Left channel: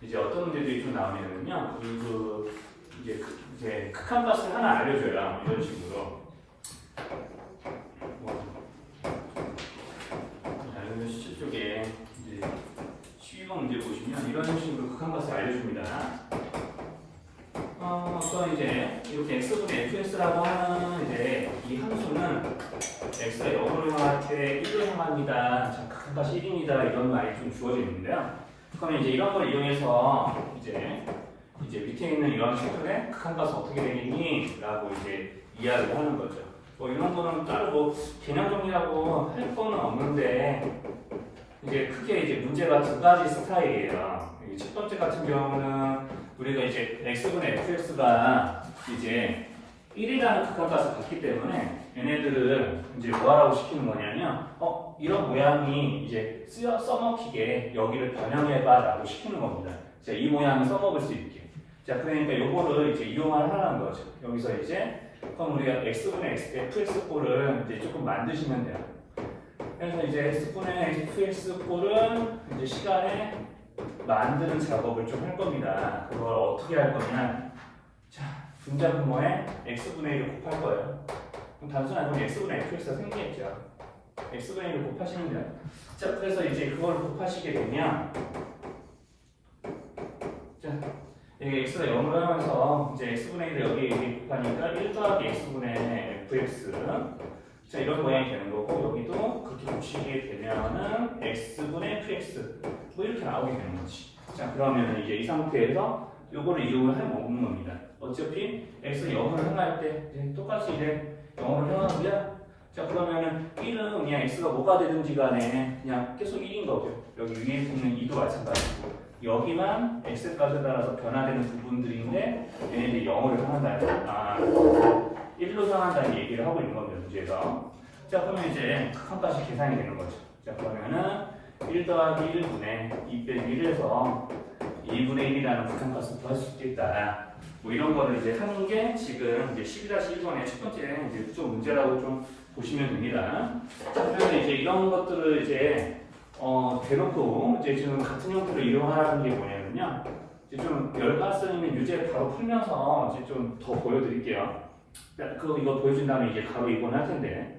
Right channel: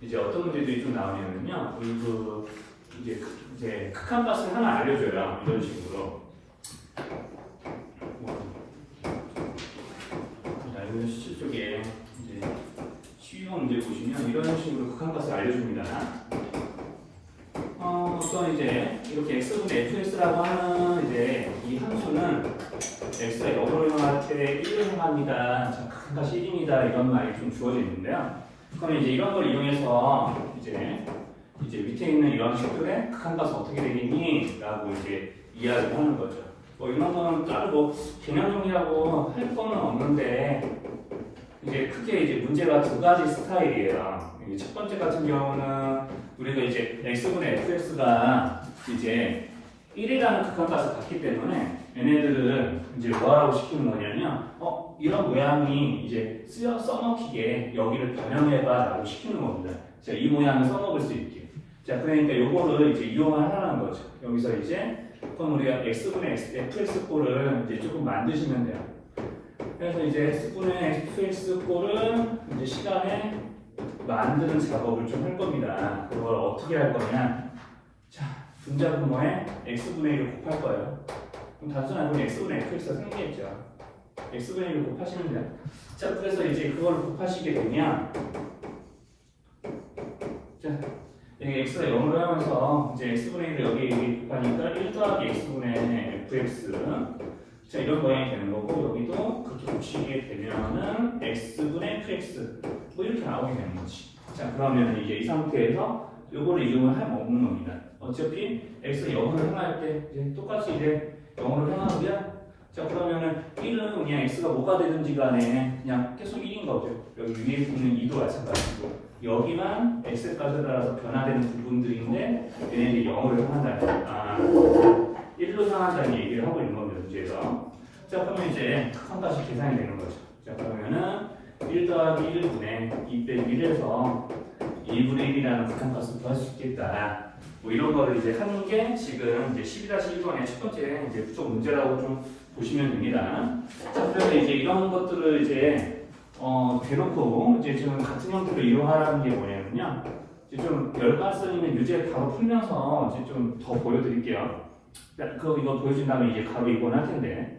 이제 어떤 문제들이 좀 나오냐면요. 이제 극한값을 하나 알려줘요. 이런 식으로. 자, 시 쪽에 이제 쉬운 문제 보시면 이런 식으로 극한값을 알려줍니다. 어떤 이제 이렇게 x분의 fx라고 하는 이제 이 함수는 x가 0으로 향할 때 1로 향합니다. 극한값이 1입니다. 이런 말이 좀 주어져 있는데요. 그러면 이제 이런 걸 이용해서 이제 밑에 있는 이런 식들의 극한값은 어떻게 되겠니? 라고 이제 이야기를 하는 거죠. 뭐 이런 거는 따로 개념 정리라고 할 거는 없는데 이제 크게 이제 문제가 두 가지 스타일이에요. 첫 번째 같은 경우는 우리가 이제 x분의 fx가 이제 1이라는 극한값을 갖기 때문에 얘네들을 이제 뭐하라고 시키는 거냐면 이런 모양이 이제 써먹히게 여기를 변형해봐 라고 시키는 겁니다. 자, 이 모양을 써먹을 수 있게. 자, 그러니까 요거를 이제 이용을 하라는 거죠. 여기서 이제 그럼 우리가 x분의 fx꼴을 이제 조금 만드시면 돼요. 그래서 이제 x분의 fx꼴을 이제 시간에 만드는 작업을 좀 할 겁니다. 그걸 어떻게 할 거냐? 자, 분자 분모에 x분의 1을 곱할 거예요. 그럼 단순한 건 x분의 fx가 생기겠죠. x분의 1을 곱하시면 돼요. 자, 그래서 이제 그걸 곱하시게 되면 자, 여기 x가 0을 하면서 이제 x분의 1을 여기 곱하니까 1 더하기 x분의 fx 자, 이런 모양이 되는 거고 여기도 그렇게 붙이게 되면은 x분의 fx 뭐 이렇게 나오게 되는 거지. 자, 그러면 이제 이 상태에서 요거를 이용을 해먹는 겁니다. 어차피 x가 0을 향할 때 이제 똑같이 이제 0으로 향하고요. 자, 그러면은 1은 그냥 x가 뭐가 되든지 간에 그냥 계속 1인 거죠. 여기 위에 있는 2도 마찬가지고 여기만 x값에 따라서 변화되는 부분들인데 얘네들이 0으로 향한다. 1로 향한다는 얘기를 하고 있는 겁니다. 문제에서. 자, 그러면 이제 극한값이 계산이 되는 거죠. 자, 그러면은 1 더하기 1분의 2 빼기 1에서 2분의 1이라는 극한값을 구할 수 있겠다. 뭐 이런 거를 이제 하는 게 지금 이제 12-1번의 첫 번째 이제 부속 문제라고 좀 보시면 됩니다. 자, 그래서 이제 이런 것들을 이제 대놓고 이제 지금 같은 형태로 이용하는 게 뭐냐면요. 이제 좀 열가스님의 유제 바로 풀면서 이제 좀 더 보여드릴게요. 이거 보여준 다음에 이제 바로 이번 할 텐데.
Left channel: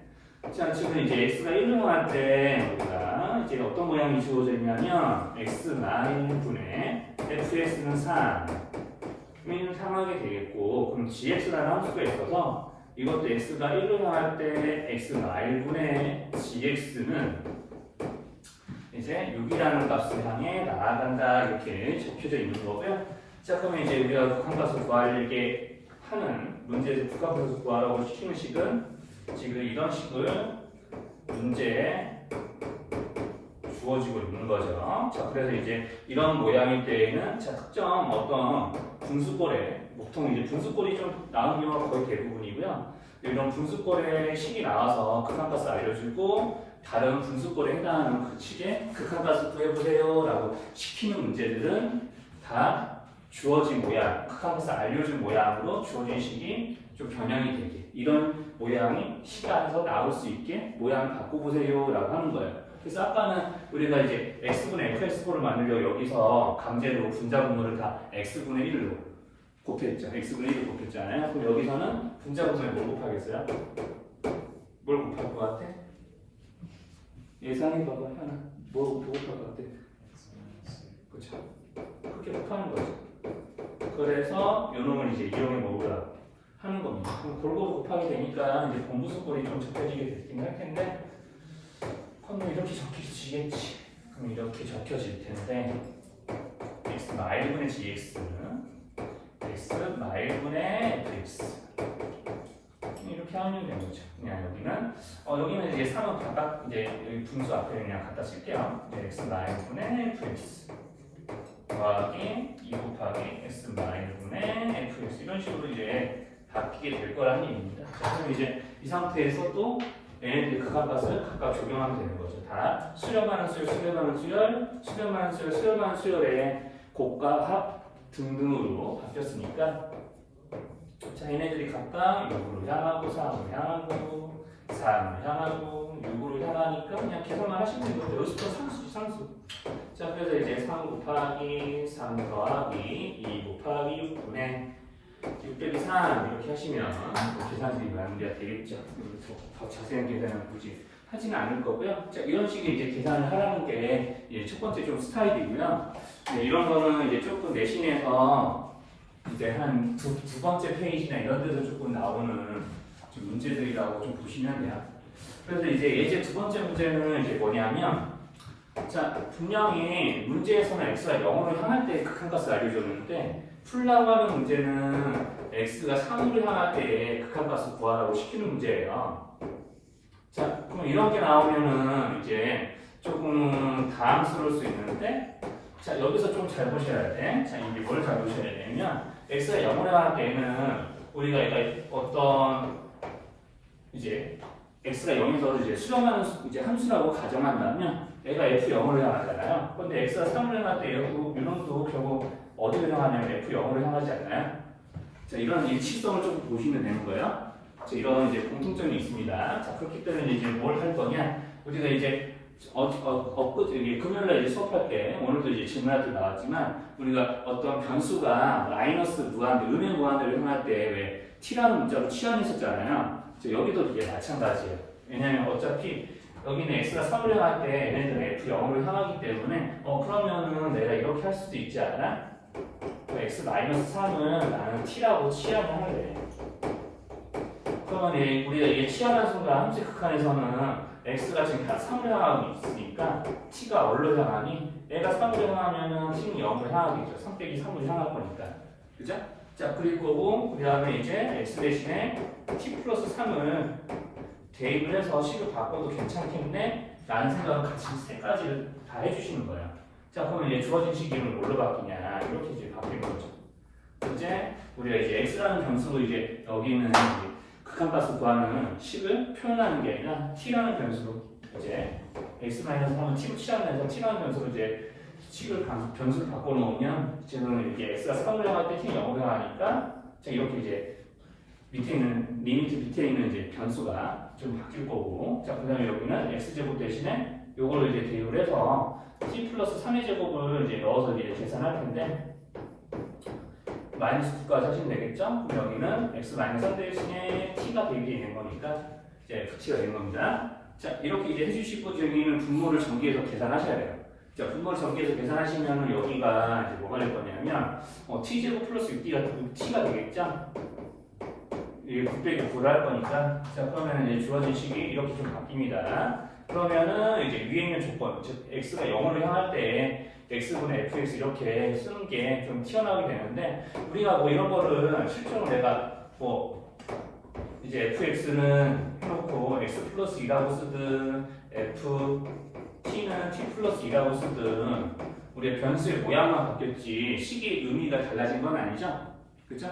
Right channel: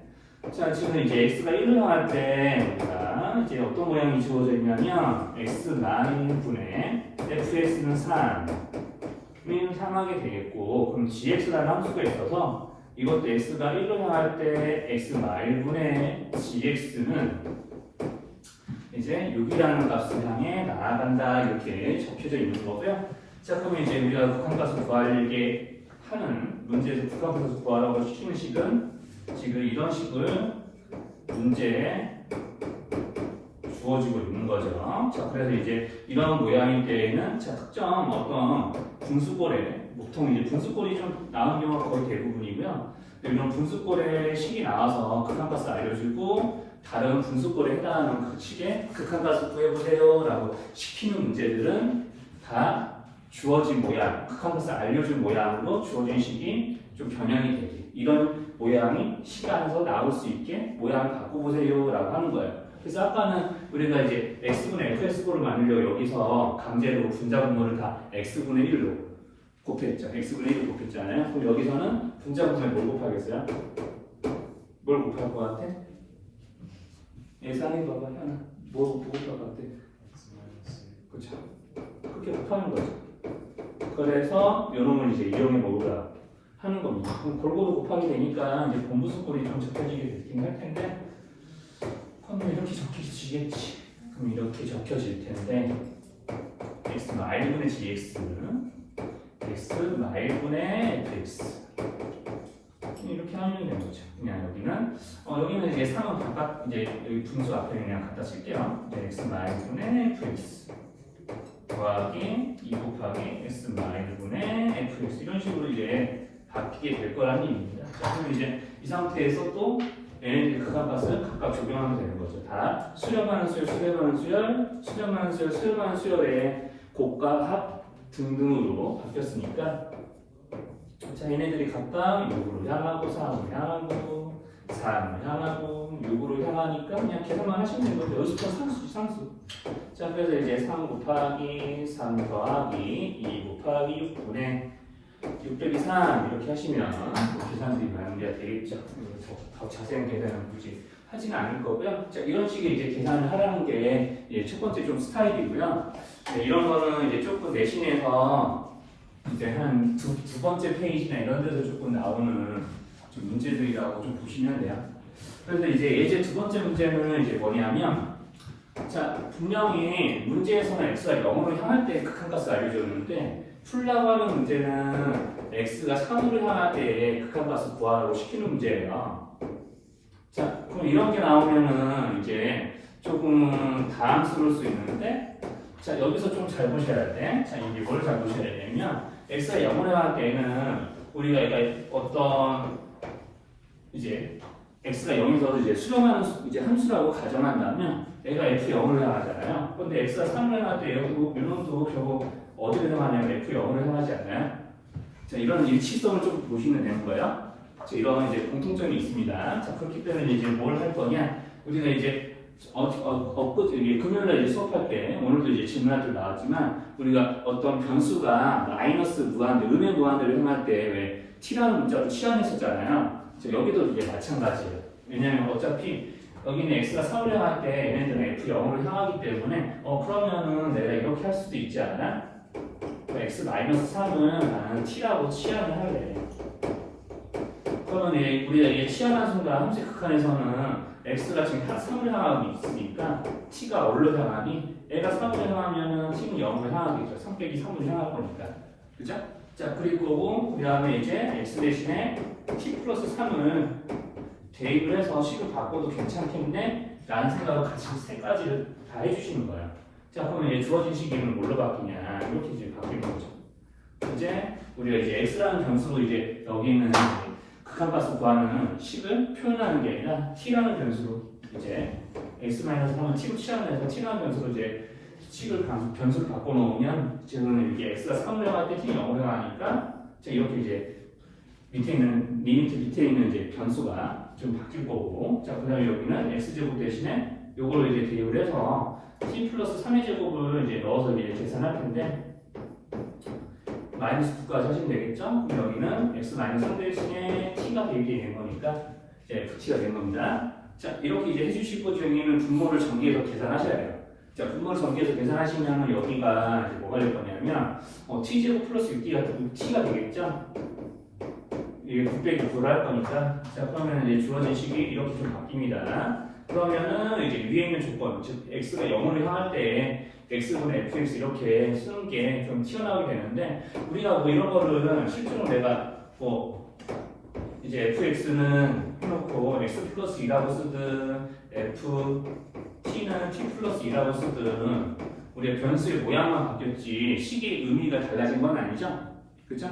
자, 지금 이제 x가 1로 향할 때 우리가 이제 어떤 모양이 주어져 있냐면 x-분의 fx는 3을 향하게 되겠고 그럼 gx라는 함수가 있어서 이것도 x가 1로 향할 때 x-분의 gx는 이제 6이라는 값을 향해 나아간다 이렇게 적혀져 있는 거고요. 자, 그러면 이제 우리가 극한값을 구하려게 하는 문제에서 극한값을 구하라고 시키는 식은 지금 이런 식을 문제에 주어지고 있는 거죠. 자, 그래서 이제 이런 모양일 때에는 자, 특정 어떤 분수꼴에 보통 이제 분수꼴이 좀 나오는 경우가 거의 대부분이고요. 이런 분수꼴의 식이 나와서 극한값을 알려주고 다른 분수꼴에 해당하는 그 식의 극한값을 구해보세요 라고 시키는 문제들은 다 주어진 모양, 극한값을 알려준 모양으로 주어진 식이 좀 변형이 되게 이런 모양이 식 안에서 나올 수 있게 모양을 바꿔보세요 라고 하는 거예요. 그래서 아까는 우리가 이제 x분의 fx꼴을 만들려고 여기서 강제로 분자 분모를 다 x분의 1로 곱했죠. x분의 1을 곱했잖아요. 그럼 여기서는 분자 분모에 뭘 곱하겠어요? 뭘 곱할 것 같아? 예상해봐봐, 하나. 뭘 곱할 것 같아? 그쵸? 그렇게 곱하는 거죠. 그래서 요놈을 이제 이용해 먹으라 하는 겁니다. 그럼 골고루 곱하게 되니까 이제 분수꼴이 좀 적혀지게 되긴 할 텐데 그럼 이렇게 적혀지겠지. 그럼 이렇게 적혀질 텐데 x-분의 gx x-분의 fx 이렇게 하면 되는 거죠. 그냥 여기는 이제 3은 각각 이제 여기 분수 앞에 그냥 갖다 쓸게요. x-분의 fx 더하기 2 곱하기 x-분의 fx 이런 식으로 이제 바뀌게 될 거라는 의미입니다. 자, 그럼 이제 이 상태에서 또 얘네들 극한값을 각각 적용하면 되는 거죠. 다 수렴하는 수열, 수렴하는 수열, 수렴하는 수열, 수렴하는 수열의 곱과 합 등등으로 바뀌었으니까 자, 얘네들이 각각 6으로 향하고 4으로 향하고 4으로 향하고 6으로 향하니까 그냥 계산만 하시면 되는 거죠. 여기서 상수죠, 상수. 자, 그래서 이제 3 곱하기 3 더하기 2 곱하기 6분의 6 빼기 3 이렇게 하시면 계산들이 마무리가 되겠죠. 더 자세한 계산은 굳이 하지는 않을 거고요. 자, 이런 식의 이제 계산을 하라는 게 이제 첫 번째 좀 스타일이고요. 네, 이런 거는 이제 조금 내신에서 이제 한 두 번째 페이지나 이런 데서 조금 나오는 좀 문제들이라고 좀 보시면 돼요. 그래서 이제 예제 두 번째 문제는 이제 뭐냐면, 자, 분명히 문제에서는 x가 0으로 향할 때 극한값을 알려줬는데, 풀라고 하는 문제는 x가 3으로 향할 때 극한값을 구하라고 시키는 문제예요. 자, 그럼 이런 게 나오면은 이제 조금 당황스러울 수 있는데, 자, 여기서 좀 잘 보셔야 돼. 자, 이게 뭘 잘 보셔야 되냐면, x가 0으로 향할 때는 우리가 얘가 어떤 이제 x가 0에서 이제 수렴하는 이제 함수라고 가정한다면 얘가 f0으로 향하잖아요. 근데 x가 3으로 향할 때 이놈도 결국 어디로 향하냐면 f0으로 향하지 않나요? 자, 이런 일치성을 좀 보시면 되는 거예요. 자, 이런 이제 공통점이 있습니다. 자, 그렇기 때문에 이제 뭘 할 거냐? 우리가 이제 금요일날 이제 수업할 때 오늘도 이제 질문할 때 나왔지만 우리가 어떤 변수가 마이너스 무한, 음의 무한대로 행할 때 왜 t라는 문자로 취함했었잖아요. 여기도 이게 마찬가지예요. 왜냐면 어차피 여기는 x가 3을 향할 때 얘네들은 f0으로 향하기 때문에 그러면은 내가 이렇게 할 수도 있지 않나? x-3은 나는 t라고 취함을 할래. 그러면 우리가 이게 취하는 순간 함수 극한에서는 x가 지금 3을 향하고 있으니까 t가 어디로 향하니? 얘가 3을 향하면은 t는 0을 향하겠죠. 3 빼기 3을 향할 거니까. 그죠? 자, 그리고 그 다음에 이제 x 대신에 t 플러스 3을 대입을 해서 식을 바꿔도 괜찮겠네? 라는 생각을 같이 세 가지를 다 해주시는 거야. 자, 그러면 이제 주어진 식이는 뭘로 바뀌냐? 이렇게 이제 바뀌는 거죠. 이제 우리가 이제 x라는 변수로 이제 여기는 극한값을 구하는 식을 표현하는 게 아니라 t라는 변수로 이제 x-3은 t로 취하면서 t라는 변수로 이제 식을 변수를 바꿔놓으면 지금 이게 x가 3을 향할 때 t는 0을 향하니까 이렇게 이제 밑에 있는 리미트 밑에 있는 이제 변수가 좀 바뀔 거고, 자, 그다음에 여기는 x제곱 대신에 요거를 이제 대입을 해서 t 플러스 3의 제곱을 이제 넣어서 이제 계산할 텐데 마이너스 9까지 하시면 되겠죠? 그럼 여기는 x-3 대신에 t가 대입이 된 거니까 이제 붙이가 된 겁니다. 자, 이렇게 이제 해주시고 여기는 분모를 전개해서 계산하셔야 돼요. 자, 분모를 전개해서 계산하시면 여기가 이제 뭐가 될 거냐면 t제곱 플러스 6d가 t가 되겠죠? 이게 9 빼기 9를 할 거니까. 자, 그러면 이제 주어진 식이 이렇게 좀 바뀝니다. 그러면은 이제 위에 있는 조건, 즉 x가 0으로 향할 때 x분의 fx 이렇게 쓰는 게 좀 튀어나오게 되는데, 우리가 뭐 이런 거를 실종을 내가 뭐 이제 fx는 해놓고 x 플러스 2라고 쓰든 t는 t 플러스 2라고 쓰든 우리가 변수의 모양만 바뀌었지 식의 의미가 달라진 건 아니죠? 그죠?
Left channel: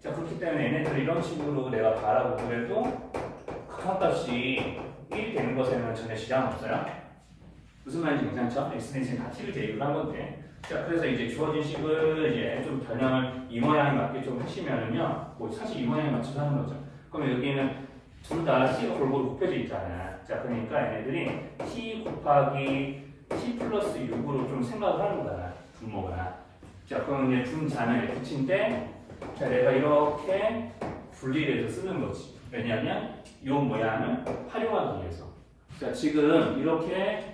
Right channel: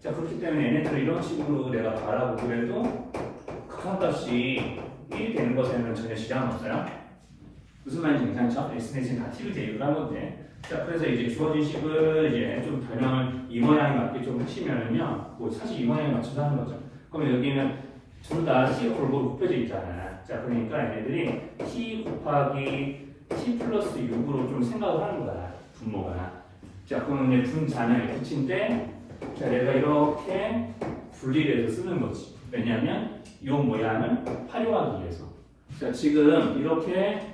자, 그렇기 때문에 얘네들 이런 식으로 내가 바라고 그래도 극한값이 1이 되는 것에는 전혀 지장은 없어요. 무슨 말인지 괜찮죠? x는 다 t를 대입을 한 건데. 자, 그래서 이제 주어진 식을 이제 좀 변형을 이 모양에 맞게 좀 하시면은요, 뭐 사실 이 모양에 맞춰서 하는 거죠. 그러면 여기는 둘 다 t 골고루 곱해져 있잖아요. 자, 그러니까 얘네들이 t 곱하기 t 플러스 6으로 좀 생각을 하는 거야, 분모가. 자, 그러면 이제 분자는 ft인데, 자, 내가 이렇게 분리를 해서 쓰는 거지. 왜냐하면 이 모양을 활용하기 위해서. 자, 지금 이렇게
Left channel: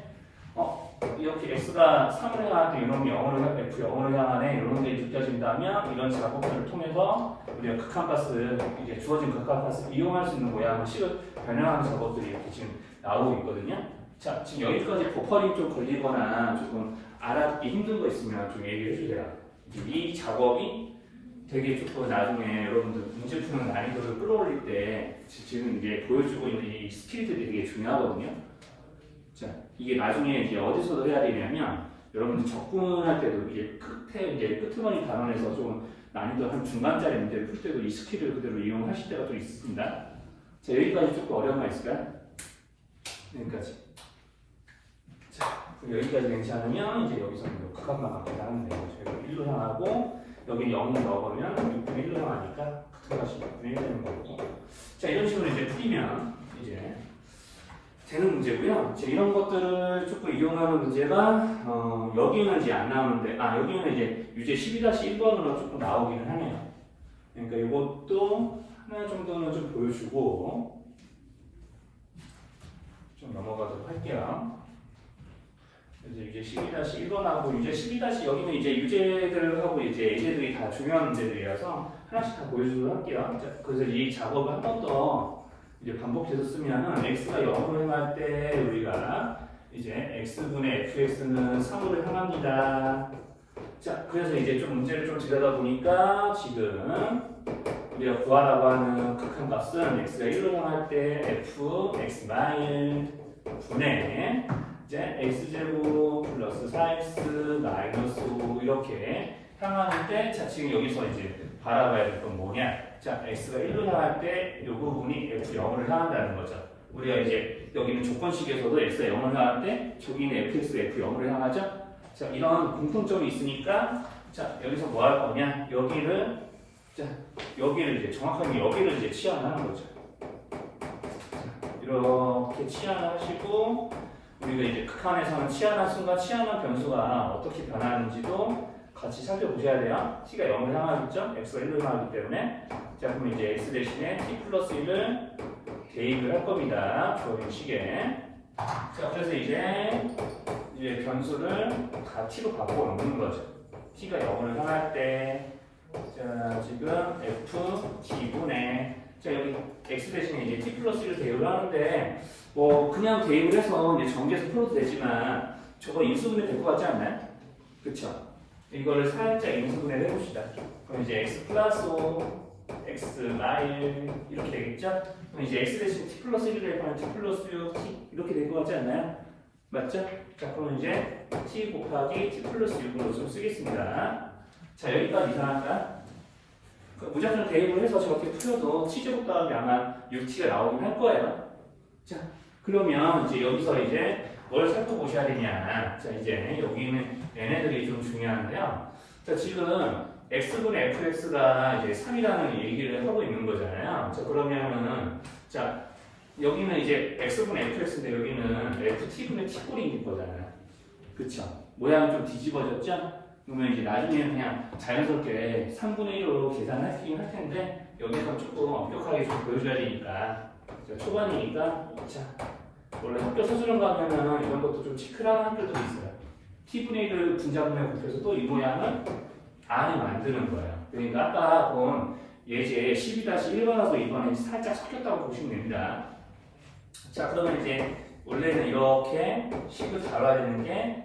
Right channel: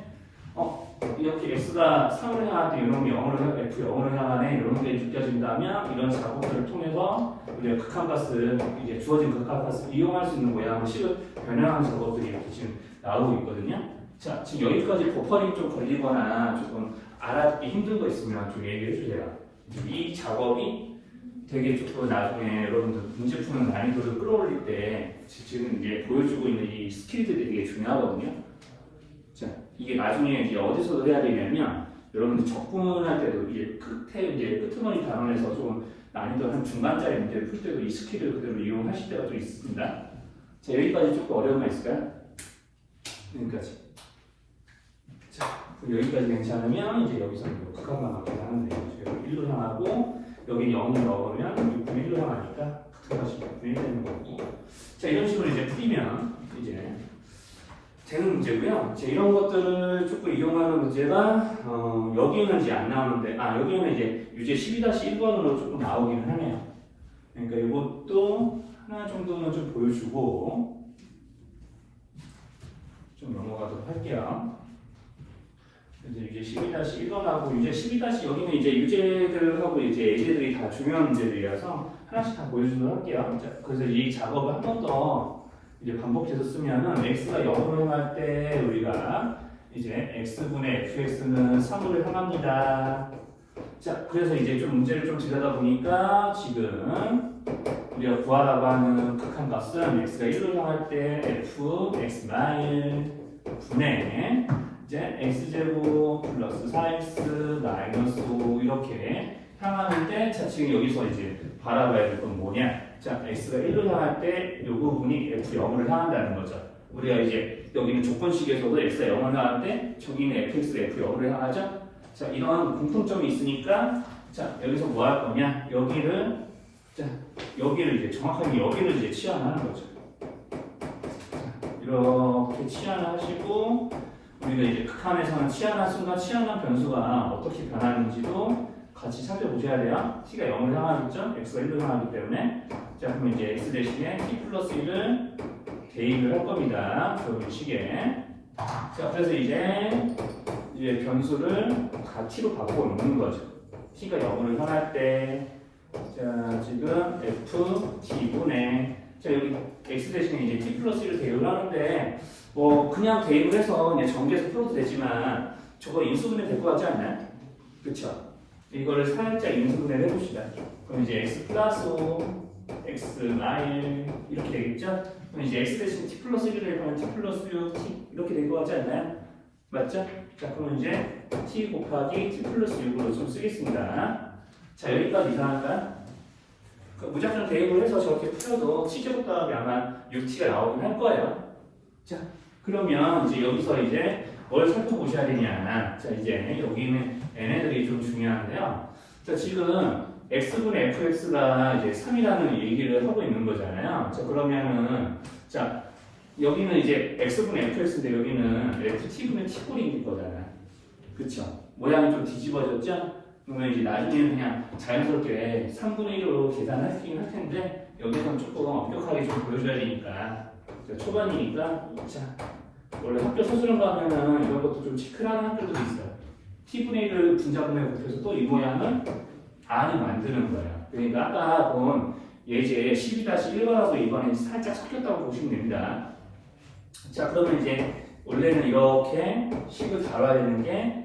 이렇게 x가 3을 향할 때 이런 게 0으로 f0으로 향하네 이런 게 느껴진다면 이런 작업들을 통해서 우리가 극한값을 이제 주어진 극한값을 이용할 수 있는 모양으로 식을 변형하는 작업들이 이렇게 지금 나오고 있거든요. 자, 지금 여기까지 버퍼링 좀 걸리거나 조금 알아듣기 힘든 거 있으면 좀 얘기해 주세요. 이 작업이 되게 조금 나중에 여러분들 문제 푸는 난이도를 끌어올릴 때 지금 이게 보여주고 있는 이 스킬들이 되게 중요하거든요. 자, 이게 나중에 이제 어디서도 해야 되냐면 여러분들 접근할 때도 이제 끄트머니 단원에서 좀 난이도 한 중간짜리 문제를 풀 때도 이 스킬을 그대로 이용하실 때가 좀 있습니다. 자, 여기까지 조금 어려운 거 있을까요? 여기까지. 자, 여기까지 괜찮으면 이제 여기서 극한만 맞게 하면 돼요. 저희가 1로 향하고 여기 0을 넣어보면 6분의 1로 향하니까 같은 값이 6분의 1 되는 거고. 자, 이런 식으로 이제 풀리면 이제 되는 문제고요. 이제 이런 것들을 조금 이용하는 문제가 여기는 이제 안 나오는데 여기는 이제 유제 12-1번으로 조금 나오기는 하네요. 그러니까 이것도 하나 정도는 좀 보여주고 좀 넘어가도록 할게요. 그래서 유제 12-1번하고 유제 12- 여기는 이제 유제들하고 이제 예제들이 다 중요한 문제들이라서 하나씩 다 보여주도록 할게요. 자, 그래서 이 작업을 한 번 더 이제 반복해서 쓰면은 x가 0으로 향할 때 우리가 이제 x분의 fx는 3으로 향합니다. 자, 그래서 이제 좀 문제를 좀 들여다 보니까 지금 우리가 구하라고 하는 극한값은 x가 1로 향할 때 f x 분의 이제 x제곱 플러스 4x 마이너스 5 이렇게 향하는데, 자 지금 여기서 이제 바라봐야 될 건 뭐냐? 자 x가 1로 향할 때 이 부분이 f0을 향한다는 거죠. 우리가 이제 여기는 조건식에서도 x가 0을 향하는데 저기는 fx, f0을 향하죠. 자 이런 공통점이 있으니까 자 여기서 뭐 할 거냐? 여기를 이제 정확하게 여기를 이제 치환하는 거죠. 이렇게 치환하시고 우리가 이제 극한에서는 치환한 순간 치환한 변수가 어떻게 변하는지도 같이 살펴보셔야 돼요. t가 0을 향하겠죠? x가 1을 향하기 때문에. 자 그럼 이제 x 대신에 t 플러스 1을 대입을 할 겁니다. 그런 식에. 자 그래서 이제 변수를 다 t로 바꿔놓는 거죠. t가 0을 향할 때 자 지금 f t분의 자 여기 x 대신에 이제 t 플러스 1을 대입을 하는데 뭐 그냥 대입을 해서 그냥 전개해서 풀어도 되지만 저거 인수분해 될 것 같지 않나요? 그쵸? 이거를 살짝 인수분해를 해봅시다. 그럼 이제 x 플러스 5, x 마일 이렇게 되겠죠? 그럼 이제 x 대신 t 플러스 1을 대입하면 t 플러스 6, t 이렇게 될 것 같지 않나요? 맞죠? 자 그럼 이제 t 곱하기 t 플러스 6으로 좀 쓰겠습니다. 자 여기까지 이상한가요? 무작정 대입을 해서 저렇게 풀어도 t제곱 다음에 아마 6t가 나오긴 할 거예요. 자, 그러면 이제 여기서 이제 뭘 살펴보셔야 되냐. 자, 이제 여기는 얘네들이 좀 중요한데요. 자, 지금 x분의 fx가 이제 3이라는 얘기를 하고 있는 거잖아요. 자, 그러면은, 자, 여기는 이제 x분의 fx인데 여기는 ft분의 t꼴인 거잖아요. 그쵸? 모양이 좀 뒤집어졌죠? 그러면 이제 나중에는 그냥 자연스럽게 3분의 1로 계산할 수 있긴 할 텐데, 여기서는 조금 엄격하게 좀 보여줘야 되니까. 초반이니까 자 원래 학교 서술형 가면은 이런 것도 좀 체크하는 학교도 있어요. t분의 1을 분자분해 곱해서 또 이 모양을 안에 만드는 거예요. 그러니까 아까 본 예제 12-1번하고 이번에 살짝 섞였다고 보시면 됩니다. 자 그러면 이제 원래는 이렇게 식을 다뤄야 되는 게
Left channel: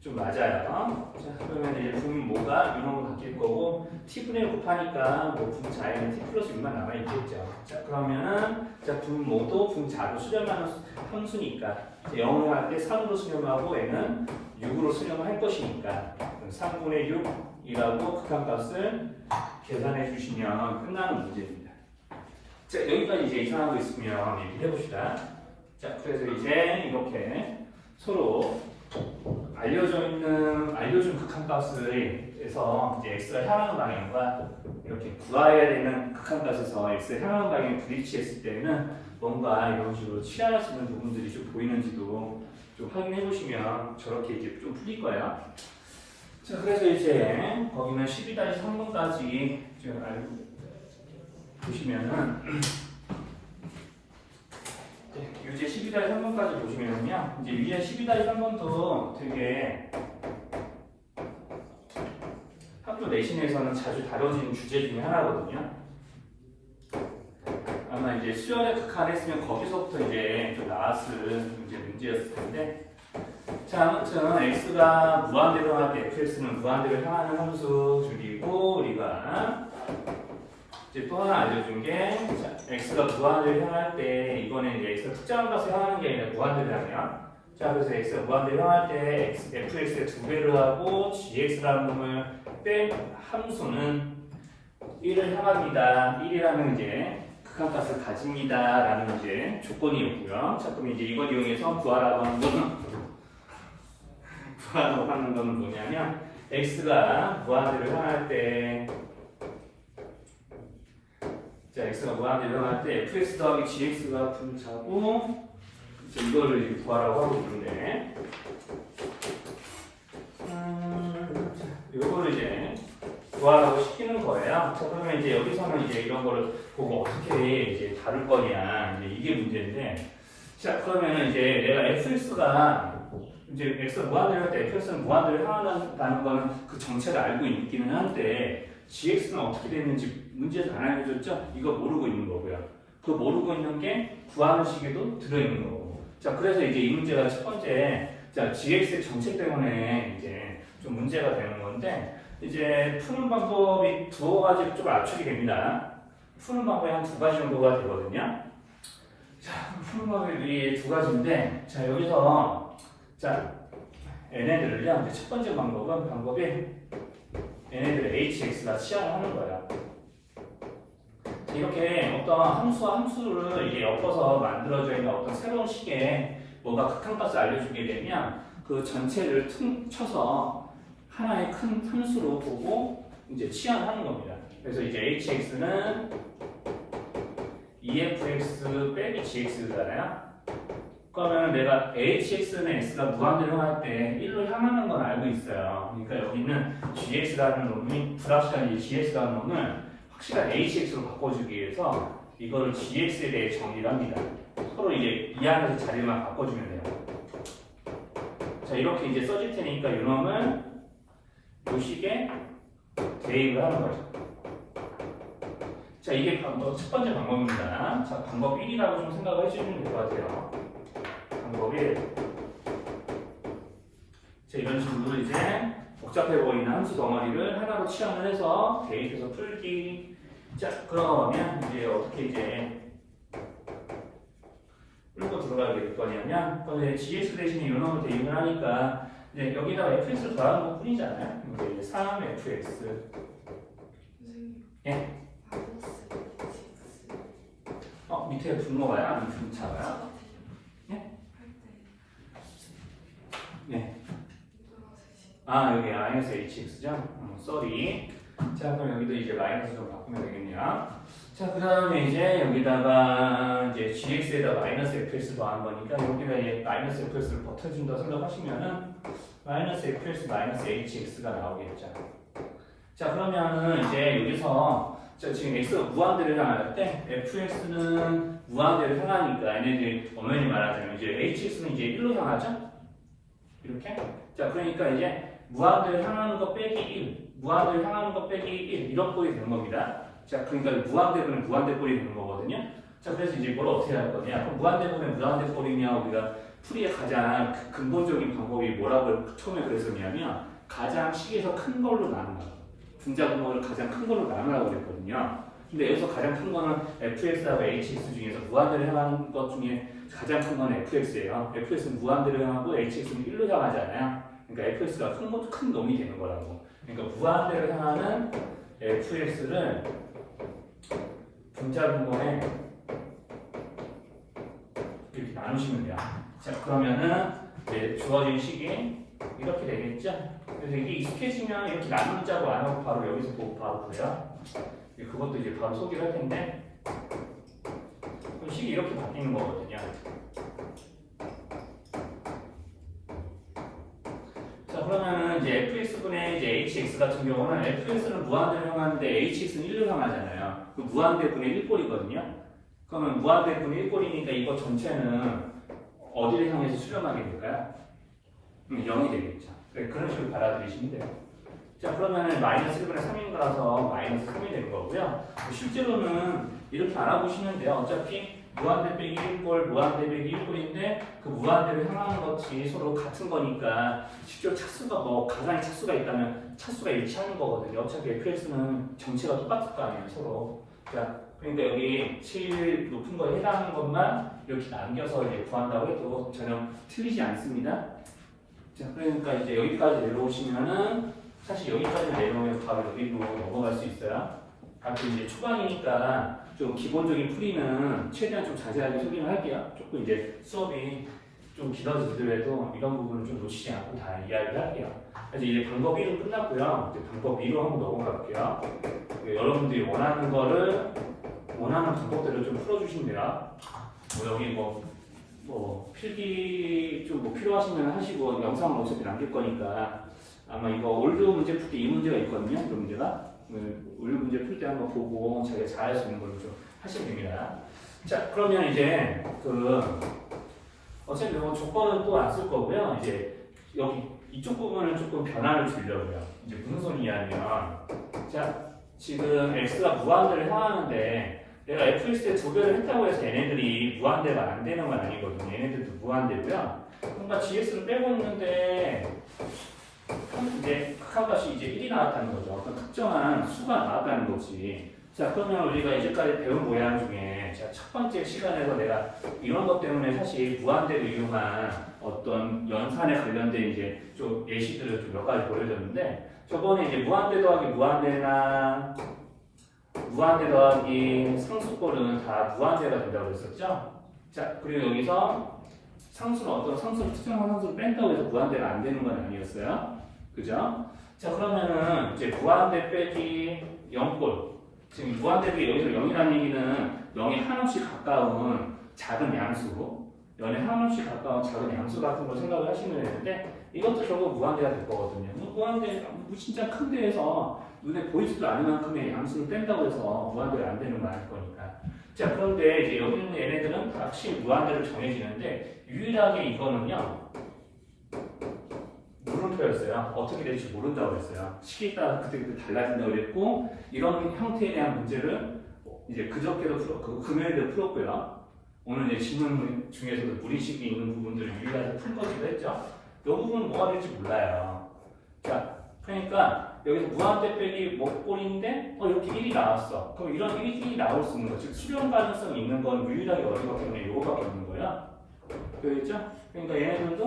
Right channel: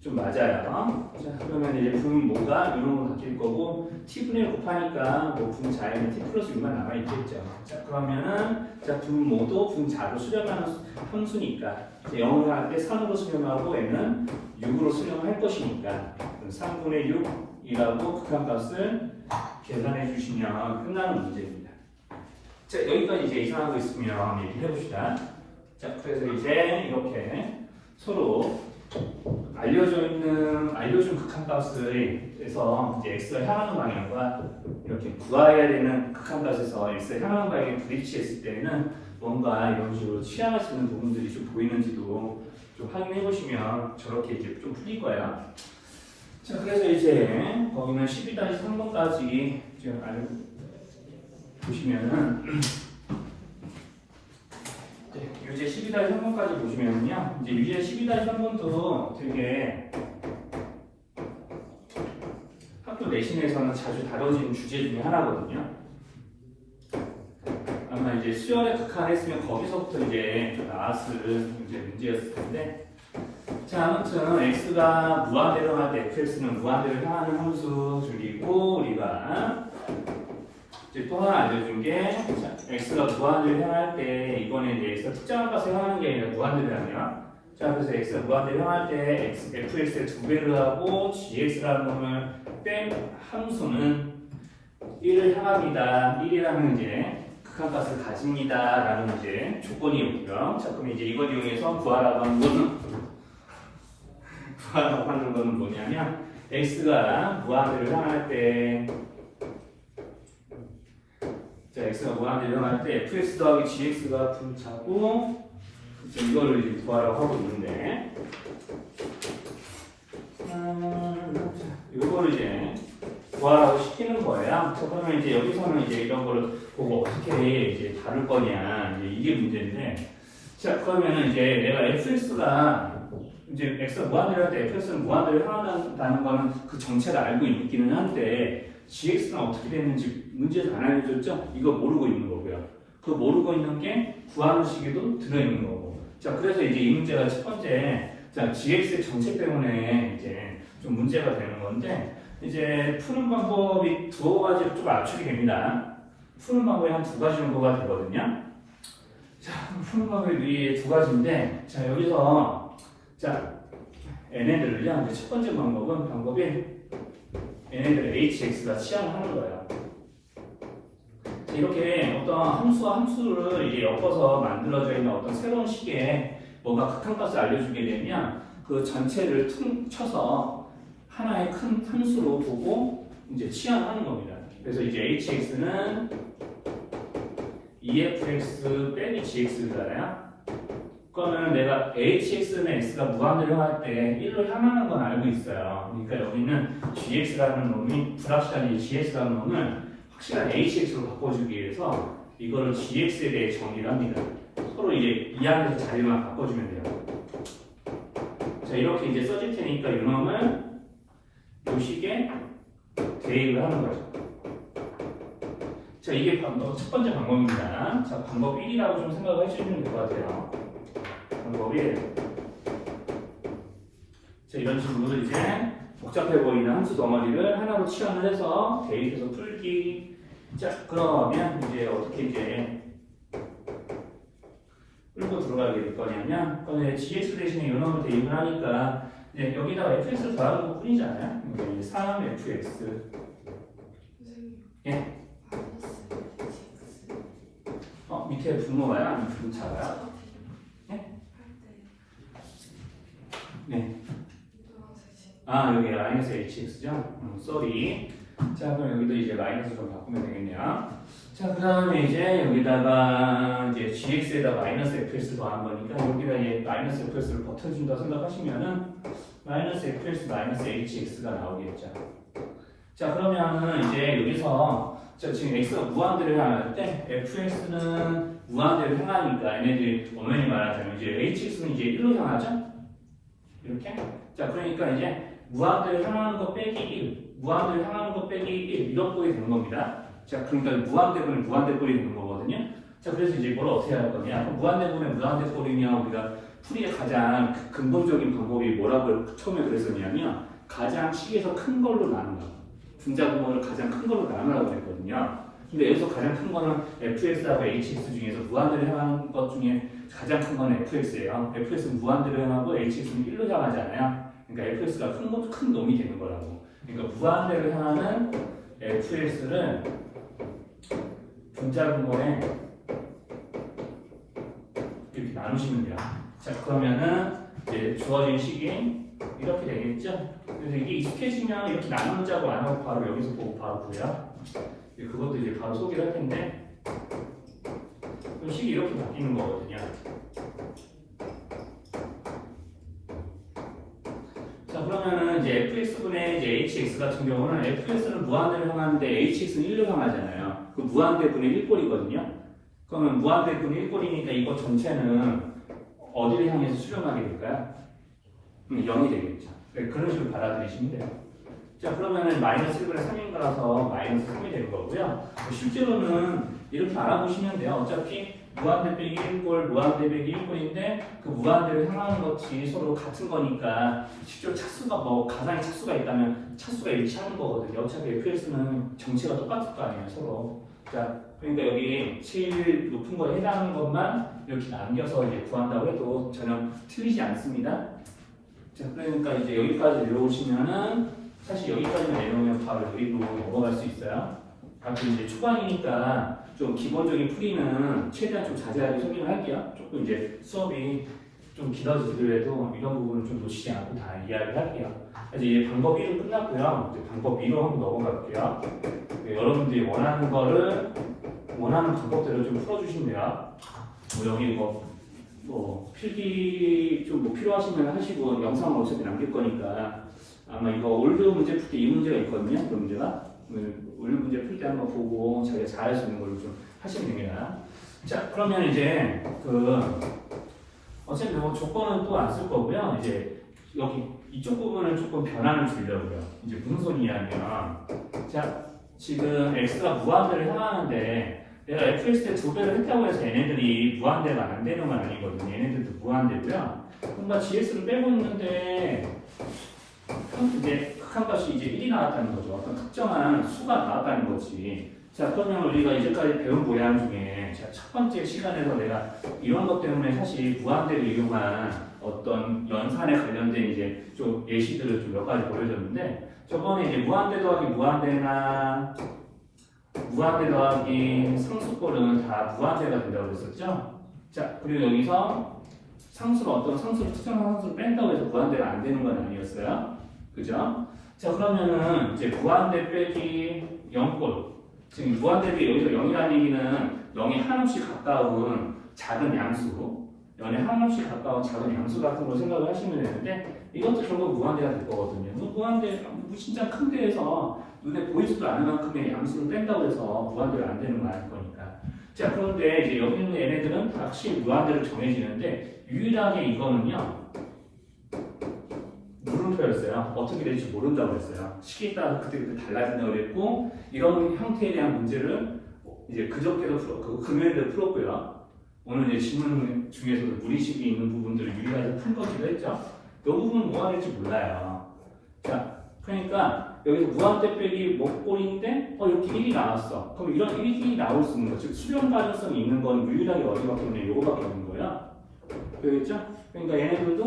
좀 맞아요. 자 그러면 이제 분모가 이런 거 바뀔 거고 t분의 1 곱하니까 뭐 분자에는 t 플러스 6만 남아있겠죠. 자 그러면은 자 분모도 분자로 수렴하는 함수니까 0을 할 때 3으로 수렴하고 n은 6으로 수렴을 할 것이니까 3분의 6이라고 극한값을 계산해 주시면 끝나는 문제입니다. 자 여기까지 이제 이상한 거 있으면 얘기해 봅시다. 자 그래서 이제 이렇게 서로 알려준 극한값을 해서 이제 x가 향하는 방향과 이렇게 구해야 되는 극한값에서 x가 향하는 방향에 부딪혔을 때는 뭔가 이런 식으로 취할 수 있는 부분들이 좀 보이는지도 좀 확인해 보시면 저렇게 이제 좀 풀릴 거예요. 자 그래서 이제 거기는 12-3번까지 보시면은 유제 12-3번까지 보시면요. 이제 유제 12-3번도 되게 학교 내신에서는 자주 다뤄지는 주제 중에 하나거든요. 아마 이제 수영에 극한했으면 거기서부터 이제 좀 나왔을 문제였을 텐데. 자, 아무튼 x가 무한대로 할 때 fx는 무한대로 향하는 함수 그리고 우리가 이제 또 하나 알려준 게 x가 무한대로 향할 때 이번에 이제 x가 특정한 값을 향하는 게 아니라 무한대로라고요. 자 그래서 x가 무한대로 향할 때 fx의 2배를 하고 gx라는 놈을 뺀 함수는 1을 향합니다. 1이라는 이제 극한값을 가집니다라는 이제 조건이었고요. 자 그럼 이제 이걸 이용해서 구하라고 하는 건 뭐냐면 x가 무한대로 향할 때 자, x가 무한대로 향할 때 fx 더하기 gx가 분자고 이제 이거를 이제 구하라고 하고 있는데, 이거를 이제 구하라고 시키는 거예요. 자, 그러면 이제 여기서는 이제 이런 거를 보고 어떻게 이제 다룰 거냐, 이제 이게 문제인데, 자, 그러면 이제 내가 fx가 이제 x가 무한대로 할 때 fx는 무한대로 향한다는 거는 그 정체를 알고 있기는 한데, gx는 어떻게 되는지 문제를 안 알려줬죠? 이거 모르고 있는 거고요. 그 모르고 있는 게 구하는 시기도 들어있는 거고. 자, 그래서 이제 이 문제가 첫 번째, 자, gx의 정체 때문에 이제 좀 문제가 되는 건데, 이제 푸는 방법이 두 가지로 좀 압축이 됩니다. 푸는 방법이 한 두 가지 정도가 되거든요. 자, 푸는 방법이 두 가지인데, 자, 여기서, 자, 얘네들을요, 이제 첫 번째 방법이 얘네들을 hx가 치환하는 거예요. 자, 이렇게 어떤 함수와 함수를 이제 엮어서 만들어져 있는 어떤 새로운 식의 뭔가 극한값을 알려주게 되면 그 전체를 쳐서 하나의 큰 함수로 보고 이제 치환하는 겁니다. 그래서 이제 hx는 2fx 빼기 gx잖아요. 그러면 내가 hx는 x가 무한대로 할 때 1로 향하는 건 알고 있어요. 그러니까 여기는 gx라는 놈이 불확실한 gx라는 놈을 확실한 hx로 바꿔주기 위해서 이거를 gx에 대해 정의를 합니다. 서로 이게 이 안에서 자리만 바꿔주면 돼요. 자, 이렇게 이제 써질 테니까 이 놈을 이 식에 대입을 하는 거죠. 자, 이게 첫 번째 방법입니다. 자, 방법 1이라고 좀 생각을 해주시면 될 것 같아요. 방법 1. 자, 이런 식으로 이제 복잡해 보이는 함수 덩어리를 하나로 치환을 해서 대입해서 풀기. 자, 그러면 이제 어떻게 이제 풀고 들어가게 될 거냐면, 그럼 이제 gx 대신에 이 놈을 대입을 하니까 이제 여기다가 fx를 더하는 것 뿐이잖아요. 이제 3fx. 예? 밑에 분모가요? 아니면 분차가요? 네? 네. 아, 여기 마이너스 hx죠? 쏘리. 자, 그럼 여기도 이제 마이너스로 바꾸면 되겠네요. 자, 그 다음에 이제 여기다가 이제 gx에다 마이너스 fx 더한 거니까 여기다 이제 마이너스 fx를 버텨준다 생각하시면은 마이너스 fx 마이너스 hx가 나오겠죠. 자, 그러면은 이제 여기서 자, 지금 x가 무한대로 향할 때 fx는 무한대로 향하니까 얘네들이 엄연히 말하자면 이제 hx는 이제 1로 향하죠? 이렇게? 자, 그러니까 이제 무한대로 향하는 거 빼기 1, 무한대로 향하는 거 빼기 1 이런 꼴이 되는 겁니다. 자, 그러니까 무한대분에 무한대꼴이 되는 거거든요. 자, 그래서 이제 이걸 어떻게 할 거냐? 무한대분에 무한대꼴이면 우리가 풀이의 가장 근본적인 방법이 뭐라고 처음에 그랬었냐면 가장 식에서 큰 걸로 나눈다. 분자 분모를 가장 큰 걸로 나누라고 그랬거든요. 근데 여기서 가장 큰 거는 fx하고 hx 중에서 무한대로 향하는 것 중에 가장 큰 거는 fx예요. fx는 무한대로 향하고 hx는 1로 향하잖아요. 그러니까 fx가 큰 놈이 되는 거라고. 그러니까 무한대로 향하는 fx를 분자 분모에 이렇게 나누시면 돼요. 자, 그러면은 이제 주어진 식이 이렇게 되겠죠? 그래서 이게 익숙해지면 이렇게 나누자고 안 하고 바로 여기서 보고 바로 보여. 그것도 이제 바로 소개를 할 텐데, 그럼 식이 이렇게 바뀌는 거거든요. 자, 그러면은 이제 fx분의 이제 hx 같은 경우는 fx는 무한대로 향하는데 hx는 1로 향하잖아요. 그 무한대분의 1꼴이거든요. 그러면 무한대분의 1꼴이니까 이거 전체는 어디를 향해서 수렴하게 될까요? 0이 되겠죠. 네, 그런 식으로 받아들이시면 돼요. 자, 그러면은 마이너스 1분의 3인가라서 마이너스 3이 되는 거고요. 실제로는 이렇게 알아보시면 돼요. 어차피 무한대 빼기 1꼴, 무한대 빼기 1꼴인데 그 무한대로 향하는 것이 서로 같은 거니까 실제로 차수가 뭐 가상의 차수가 있다면 차수가 일치하는 거거든요. 어차피 fx는 정체가 똑같을 거 아니에요, 서로. 자, 그러니까 여기 제일 높은 거에 해당하는 것만 이렇게 남겨서 이제 구한다고 해도 전혀 틀리지 않습니다. 자, 그러니까 이제 여기까지 내려오시면은 사실 여기까지 내려오면 바로 여기로 넘어갈 수 있어요. 하여튼 이제 초반이니까 좀 기본적인 풀이는 최대한 좀 자세하게 설명을 할게요. 조금 이제 수업이 좀 길어지더라도 이런 부분은 좀 놓치지 않고 다 이야기를 할게요. 그래서 이제 방법 1은 끝났고요. 이제 방법 2로 한번 넘어갈게요. 여러분들이 원하는 거를 원하는 방법대로 좀 풀어주시면 돼요. 뭐 여기 뭐 뭐 필기 좀 뭐 필요하시면 하시고 영상을 어차피 남길 거니까 아마 이거 올드 문제 풀 때 이 문제가 있거든요. 그 문제가 올드 문제 풀 때 한번 보고 자기가 잘할 수 있는 걸로 좀 하시면 됩니다. 자 그러면 이제 어차피 뭐 조건은 또 안 쓸 거고요. 이제 여기 이쪽 부분을 조금 변화를 주려고요. 이제 무슨 소리냐면 자 지금 x가 무한대를 향하는데 내가 fx에 두 배를 했다고 해서 얘네들이 무한대가 안 되는 건 아니거든요. 얘네들도 무한대고요. 뭔가 gx를 빼고 있는데 이제 극한값이 이제 1이 나왔다는 거죠. 어떤 특정한 수가 나왔다는 거지. 자 그러면 우리가 이제까지 배운 모양 중에 자, 첫 번째 시간에서 내가 이런 것 때문에 사실 무한대를 이용한 어떤 연산에 관련된 이제 좀 예시들을 좀 몇 가지 보여줬는데 저번에 이제 무한대 더하기 무한대나 무한대 더하기 상수꼴은 다 무한대가 된다고 했었죠? 자, 그리고 여기서 상수로 어떤 상수를 특정한 상수를 뺀다고 해서 무한대가 안 되는 건 아니었어요? 그죠? 자, 그러면은 이제 무한대 빼기 0꼴. 지금 무한대 빼기 여기서 0이라는 얘기는 0이 한없이 가까운 작은 양수. 0에 한없이 가까운 작은 양수 같은 걸 생각을 하시면 되는데 이것도 결국 무한대가 될 거거든요. 무한대, 진짜 큰 데에서 눈에 보이지도 않을 만큼의 양수를 뺀다고 해서 무한대가 안 되는 건 아닐 거니까. 자, 그런데 이제 여기 있는 얘네들은 확실히 무한대로 정해지는데 유일하게 이거는요. 물음표였어요. 어떻게 될지 모른다고 했어요. 시기에 따라서 그때그때 달라진다고 그랬고 이런 형태에 대한 문제를 이제 그저께도 금요일에 풀었고요. 오늘 이제 질문 중에서도 무리식이 있는 부분들을 유의해서 풀 거기도 했죠. 이 부분은 뭐가 될지 몰라요. 자, 그러니까 여기서 무한대 빼기 뭐 꼴인데 이렇게 1이 나왔어. 그럼 이런 1이 나올 수 있는 거, 즉 수렴 가능성이 있는 건 유일하게 어디밖에 없냐, 요거밖에 없는 거야. 그렇죠? 그러니까 얘네들도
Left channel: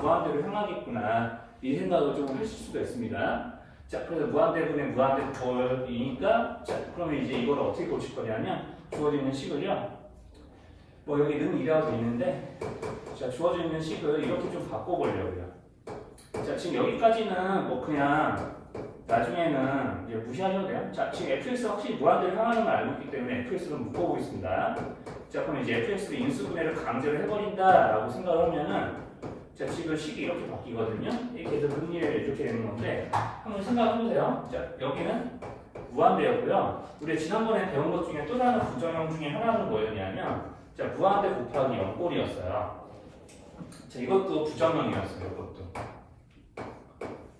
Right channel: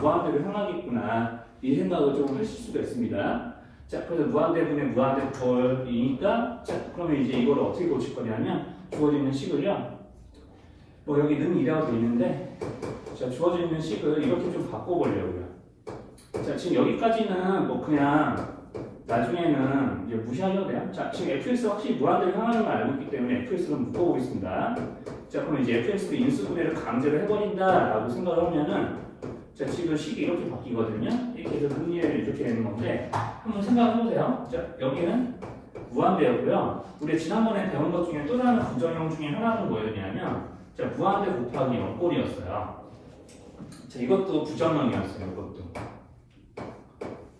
무한대로 향하겠구나 이 생각을 좀 하실 수가 있습니다. 자, 그래서 무한대분의 무한대꼴이니까 자, 그러면 이제 이걸 어떻게 고칠 거냐면 주어지는 식을요. 여기 는 2라고 되어 있는데 자, 주어져 있는 식을 이렇게 좀 바꿔보려고요. 자, 지금 여기까지는 뭐 그냥 나중에는 이제 무시하셔도 돼요. 자, 지금 fx가 확실히 무한대로 향하는 걸 알고 있기 때문에 fx로 묶어보겠습니다. 자, 그럼 이제 fx의 인수분해를 강제로 해버린다라고 생각을 하면은 자, 지금 식이 이렇게 바뀌거든요. 이렇게 해서 분리를 이렇게 되는 건데 한번 생각해보세요. 자, 여기는 무한대였고요. 우리 지난번에 배운 것 중에 또 다른 부정형 중에 하나는 뭐였냐면 자, 무한대 곱하기 0꼴이었어요. 자, 이것도 부정형이었어요. 이것도.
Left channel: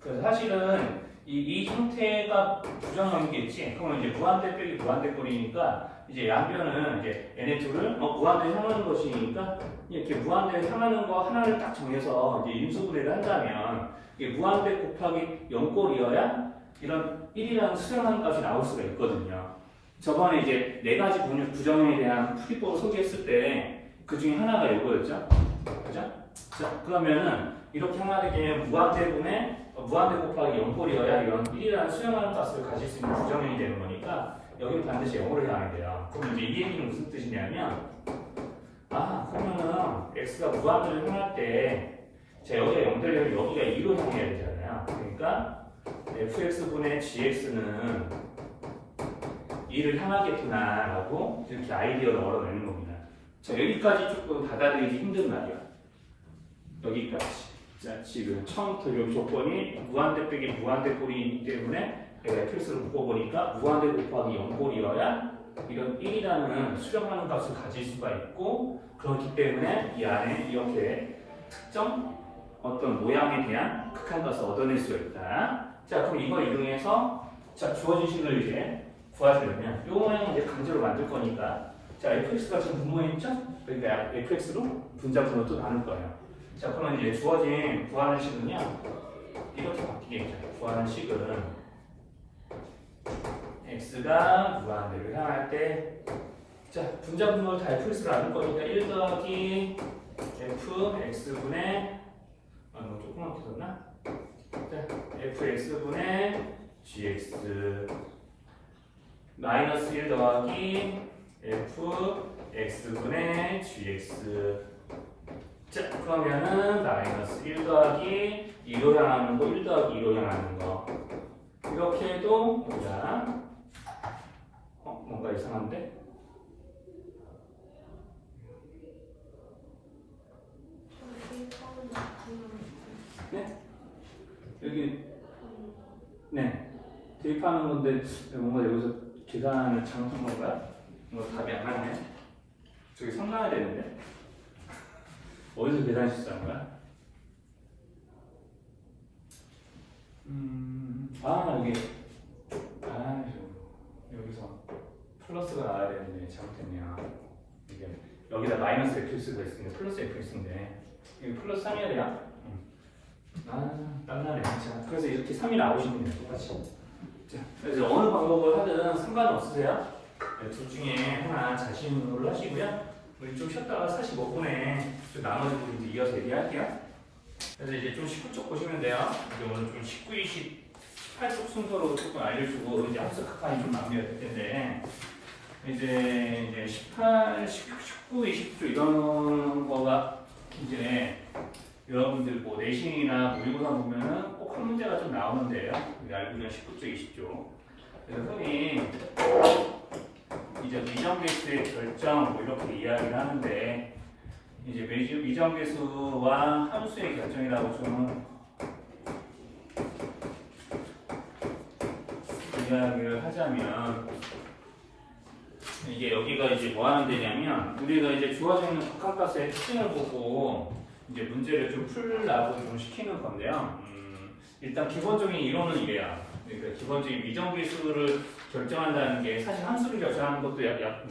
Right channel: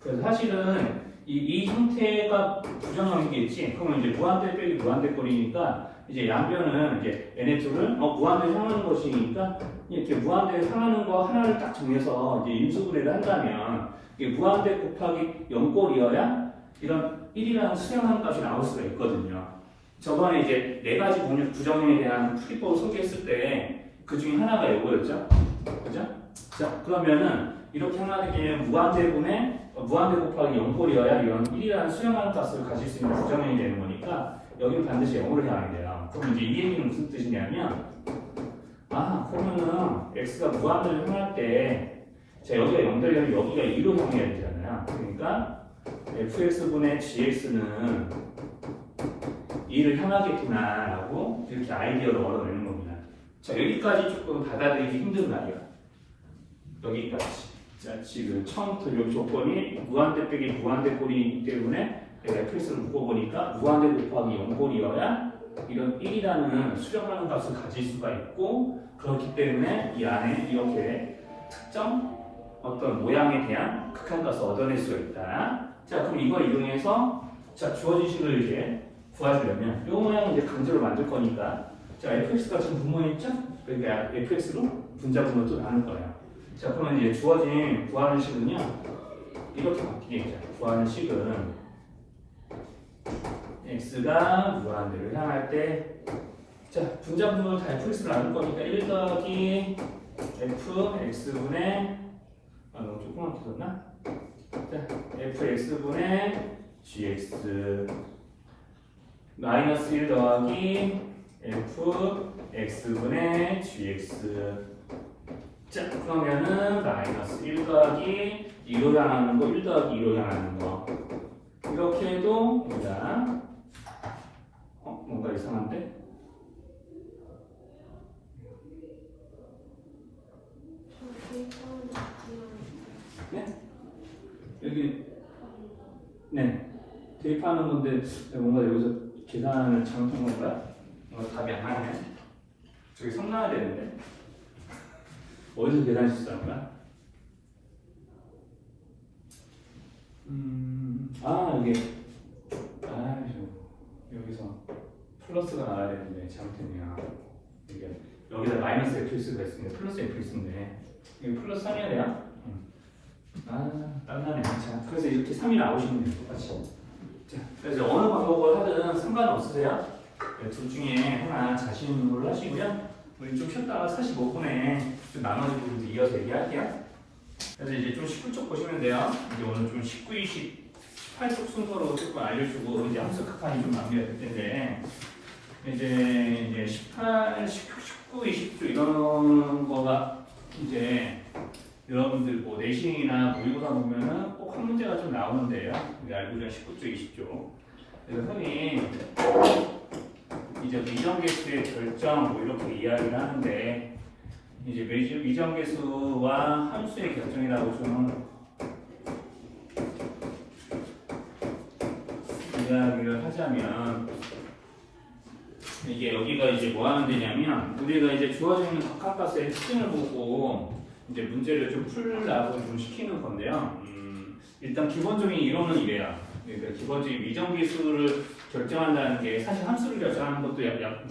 그래서 사실은 이 형태가 부정형이겠지. 그러면 이제 무한대 빼기 무한대 꼴이니까 이제 양변은 이제 NA2를 무한대 향하는 것이니까 이렇게 무한대 향하는 거 하나를 딱 정해서 이제 인수분해를 한다면 이게 무한대 곱하기 0꼴이어야 이런 1이라는 수렴하는 값이 나올 수가 있거든요. 저번에 이제 네 가지 부정형에 대한 풀이법을 소개했을 때 그 중에 하나가 이거였죠. 그죠? 자, 그러면은 이렇게 향하게 무한대 곱하기 0꼴이어야 이런 1이라는 수렴하는 값을 가질 수 있는 부정형이 되는 거니까 여기는 반드시 0으로 향하게 돼요. 그럼 이제 이 얘기는 무슨 뜻이냐면 그러면은 x가 무한대를 향할 때 자, 여기가 0되려면 여기가 2로 향해야 되잖아요. 그러니까 fx분의 gx는 2를 향하겠구나 라고 이렇게 아이디어를 얻어내는 겁니다. 자, 여기까지 조금 받아들이기 힘든 말이야. 여기까지. 자, 지금 처음부터 여기 조건이 무한대 빼기 무한대 꼴이기 때문에 fx를 묶어보니까 무한대 곱하기 0꼴이어야 이런 1이라는 수렴하는 값을 가질 수가 있고 그렇기 때문에 이 안에 이렇게 특정 어떤 모양에 대한 극한값을 얻어낼 수가 있다. 자, 그럼 이걸 이용해서 자, 주어진 식을 이제 구하시려면 이 모양을 이제 강제로 만들 거니까 자, fx가 지금 분모했죠? 그러니까 fx로 분자분모를 또 나눌 거예요. 자, 그러면 이제 주어진 구하는 식은요 이렇게 바뀌겠죠. 구하는 식은 x가 무한대로 향할 때 자, 분자분모를 다 fx로 나눌 거니까 1 더하기 fx분의 너무 조그맣게 썼나? 자, fx분의 gx 마이너스 1 더하기 fx분의 gx 자, 그러면은 마이너스 1 더하기 2로 향하는 거, 1 더하기 2로 향하는 거 이렇게 해도 됩니다. 뭔가 이상한데? 네? 여기 네 대입하는 건데 뭔가 여기서 계산을 잘못한 건가요? 뭔가 답이 안 나네. 저기 성 나야 되는데 어디서 계산 실수한 거야? 여기 여기서 플러스가 나와야 되는데 잘못했네요. 이게 여기다 마이너스 fx가 있으면 플러스 fx인데 여기 플러스 3이어야 돼요? 땀나네. 자, 그래서 이렇게 3이 나오시면 돼요. 똑같이. 자, 그래서 어느 방법을 하든 상관없으세요. 네, 둘 중에 하나 자신으로 하시고요. 우리 좀 쉬었다가 45분에 좀 나머지 부분 이어서 얘기할게요. 그래서 이제 좀 19쪽 보시면 돼요. 이제 오늘 좀 19, 20, 18쪽 순서로 조금 알려주고 이제 학습 극한이 좀 마무리가 될 텐데 이제 18, 19, 20쪽 이런 거가 이제 여러분들 뭐 내신이나 모의고사 보면은 꼭 한 문제가 좀 나오는데요. 알고 있는 19쪽, 20쪽. 그래서 흔히 이제 미정계수의 결정 뭐 이렇게 이야기를 하는데 이제 미정계수와 함수의 결정이라고 좀 이야기를 하자면 이게 여기가 이제 뭐 하는 데냐면 우리가 이제 주어지는 각각값의 특징을 보고 이제 문제를 좀 풀라고 좀 시키는 건데요. 일단 기본적인 이론은 이래요. 그러니까 기본적인 미정계수를 결정한다는 게 사실 함수를 결정하는 것도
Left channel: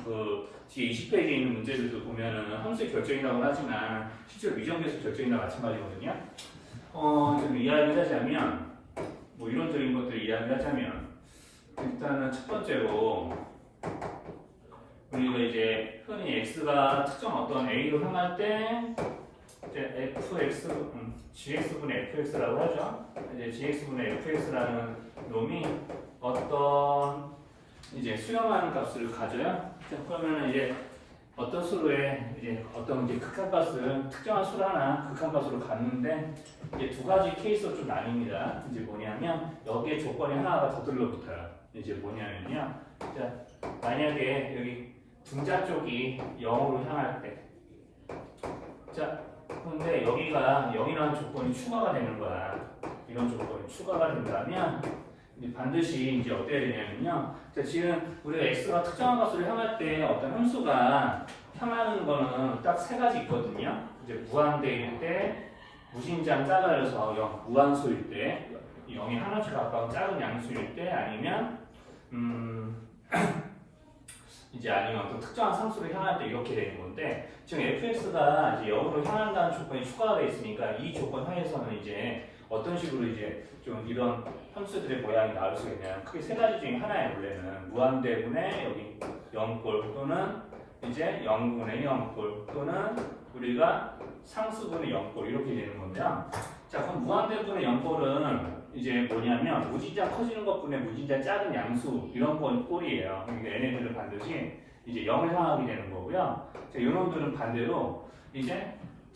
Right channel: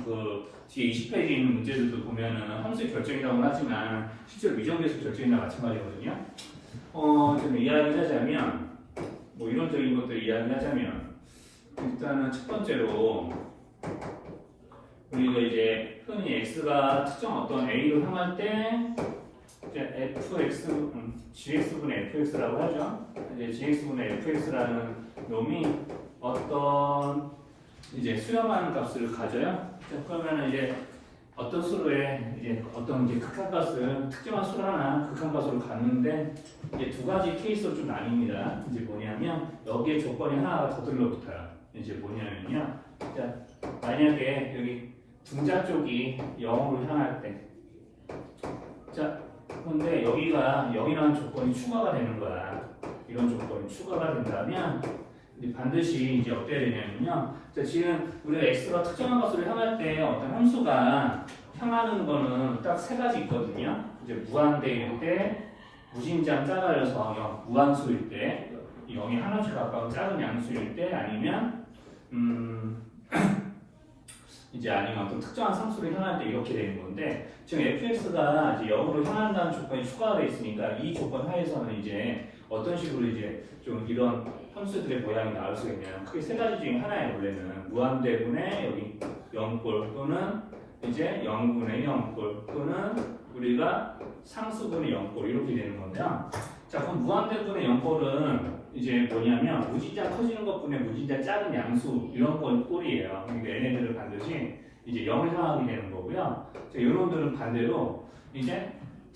그 뒤에 20페이지에 있는 문제들도 보면은 함수의 결정이라고 하지만 실제로 미정계수 결정이나 마찬가지거든요. 좀 이야기를 하자면 뭐 이론적인 것들 이야기를 하자면 일단은 첫 번째로 우리가 이제 흔히 x가 특정 어떤 a로 향할 때 이제 fx, gx분의 fx라고 하죠. 이제 gx분의 fx라는 놈이 어떤 이제 수렴하는 값을 가져요. 자, 그러면 이제 어떤 수로에 이제 어떤 이제 극한값을 특정한 수를 하나 극한값으로 갖는데 이제 두 가지 케이스로 좀 나뉩니다. 이제 뭐냐면 여기에 조건이 하나가 더 들러붙어요. 이제 뭐냐면요. 자, 만약에 여기 분자 쪽이 0으로 향할 때, 자, 근데 여기가 0이라는 조건이 추가가 되는 거야. 이런 조건이 추가가 된다면 반드시 이제 어때야 되냐면요. 자, 지금 우리가 x가 특정한 값으로 향할 때 어떤 함수가 향하는 거는 딱 세 가지 있거든요. 이제 무한대일 때, 무진장 작아져서 0, 무한수일 때, 0이 하나씩 가까운 작은 양수일 때, 아니면 이제 아니면 어떤 특정한 상수를 향할 때 이렇게 되는 건데 지금 fx가 이제 0으로 향한다는 조건이 추가가 되어 있으니까 이 조건 하에서는 이제 어떤 식으로 이제 좀 이런 함수들의 모양이 나올 수가 있냐면 크게 세 가지 중에 하나예요. 원래는 무한대분의 여기 0꼴 또는 이제 0분의 0꼴 또는 우리가 상수분의 0꼴 이렇게 되는 건데요. 자, 그럼 무한대분의 0꼴은 이제 뭐냐면 무진장 커지는 것뿐에 무진장 작은 양수 이런 건 꼴이에요. 그러니까 얘네들은 반드시 이제 0을 향하게 되는 거고요. 자, 이런들은 반대로 이제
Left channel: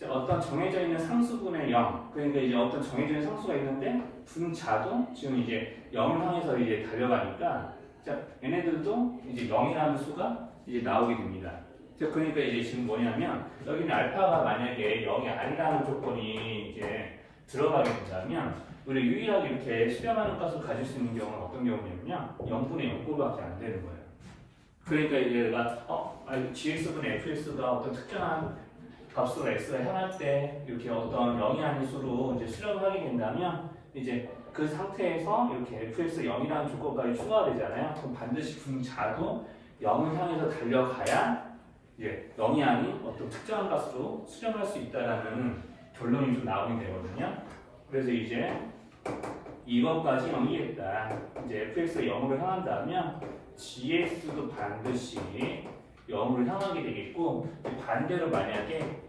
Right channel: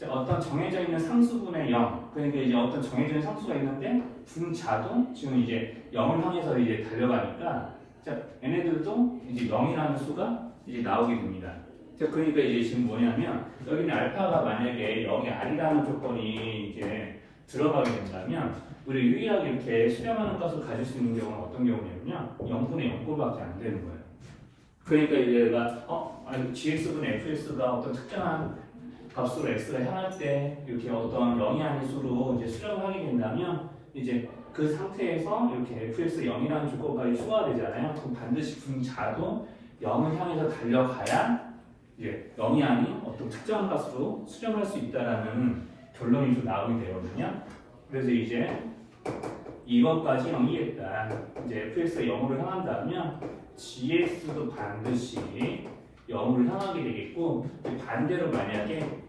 어떤 정해져 있는 상수분의 0, 그러니까 이제 어떤 정해져 있는 상수가 있는데 분자도 지금 이제 0을 향해서 이제 달려가니까 자, 얘네들도 이제 0이라는 수가 이제 나오게 됩니다. 자, 그러니까 이제 지금 뭐냐면 여기는 알파가 만약에 0이 아니라는 조건이 이제 들어가게 된다면 우리 유일하게 이렇게 수렴하는 값을 가질 수 있는 경우는 어떤 경우냐면요. 0분의 0꼴밖에 안 되는 거예요. 그러니까 이제 얘가 gx분의 fx가 어떤 특정한 값으로 x가 향할 때 이렇게 어떤 0이 아닌 수로 이제 수렴하게 된다면 이제 그 상태에서 이렇게 fx 0이라는 조건까지 추가가 되잖아요. 그럼 반드시 분자도 0을 향해서 달려가야 이제 0이 아닌 어떤 특정한 값으로 수렴할 수 있다라는 결론이 좀 나오게 되거든요. 그래서 이제 이것까지 0이겠다. 이제 fx가 0으로 향한다면 gx도 반드시 0으로 향하게 되겠고 반대로 만약에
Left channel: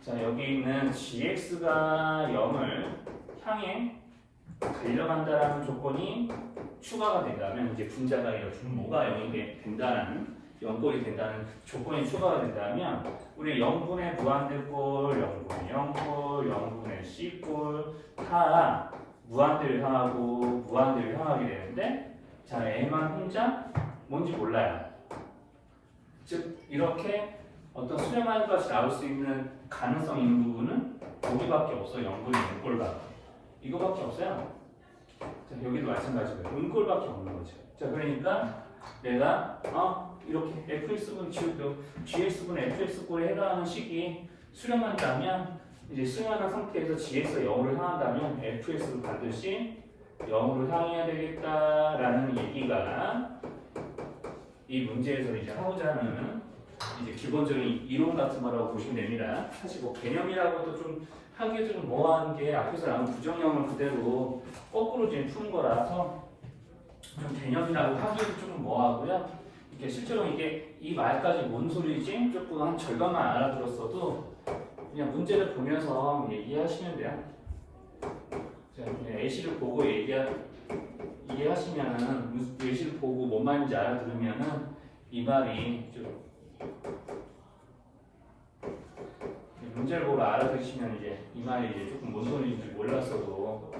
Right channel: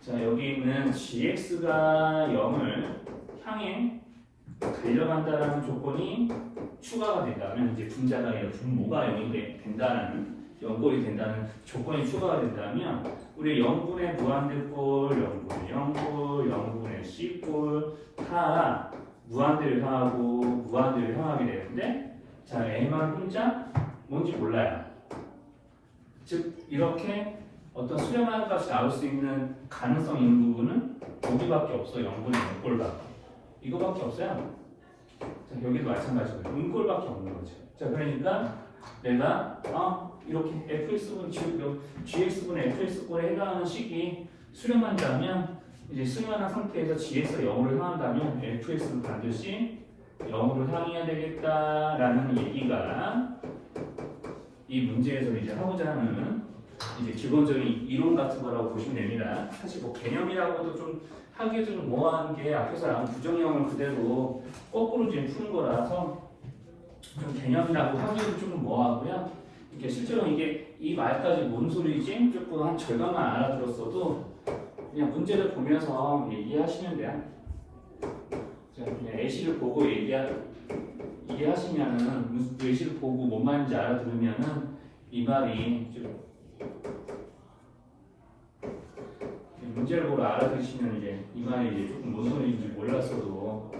자 여기 있는 gx가 0을 향해 달려간다라는 조건이 추가가 된다면 이제 분자가 아니라 분모가 0이 된다는 0꼴이 된다는 조건이 추가가 된다면 우리 0분의 무한대꼴, 0분의 0꼴, 0분의 c꼴 다 무한대를 향하고 무한대를 향하게 되는데 자 M만 혼자 뭔지 몰라요. 즉 이렇게 어떤 수렴한 값이 나올 수 있는 가능성이 있는 부분은 여기밖에 없어. 0분의 0꼴밖에. 이거밖에 없어요. 자, 여기도 마찬가지고 음꼴밖에 없는 거죠. 자, 그러니까 내가 이렇게 fx분 gx분의 fx꼴에 해당하는 식이 수렴한다면 이제 수렴한 상태에서 gx가 0으로 향한다면 fx도 반드시 0으로 향해야 되겠다라는 얘기가 이 문제에서 이제 하고자 하는 이제 기본적인 이론 같은 거라고 보시면 됩니다. 사실 뭐 개념이라고도 좀 하기에 좀 뭐한 게 앞에서 나온 부정형을 그대로 거꾸로 지금 푸는 거라서 좀 개념이라고 하기에도 좀 뭐하고요. 이게 실제로 이게 이 말까지 뭔 소리지? 조금 한 절반만 알아들었어도 그냥 문제를 보면서 얘기하시면 돼요. 자, 예시를 보고 이해하시면은 예시를 보고 뭔 말인지 알아들으면은 이 말이 좀 문제를 보고 알아들으시면 이제 이 말이 이제 조금 무슨 소리인지 몰랐어도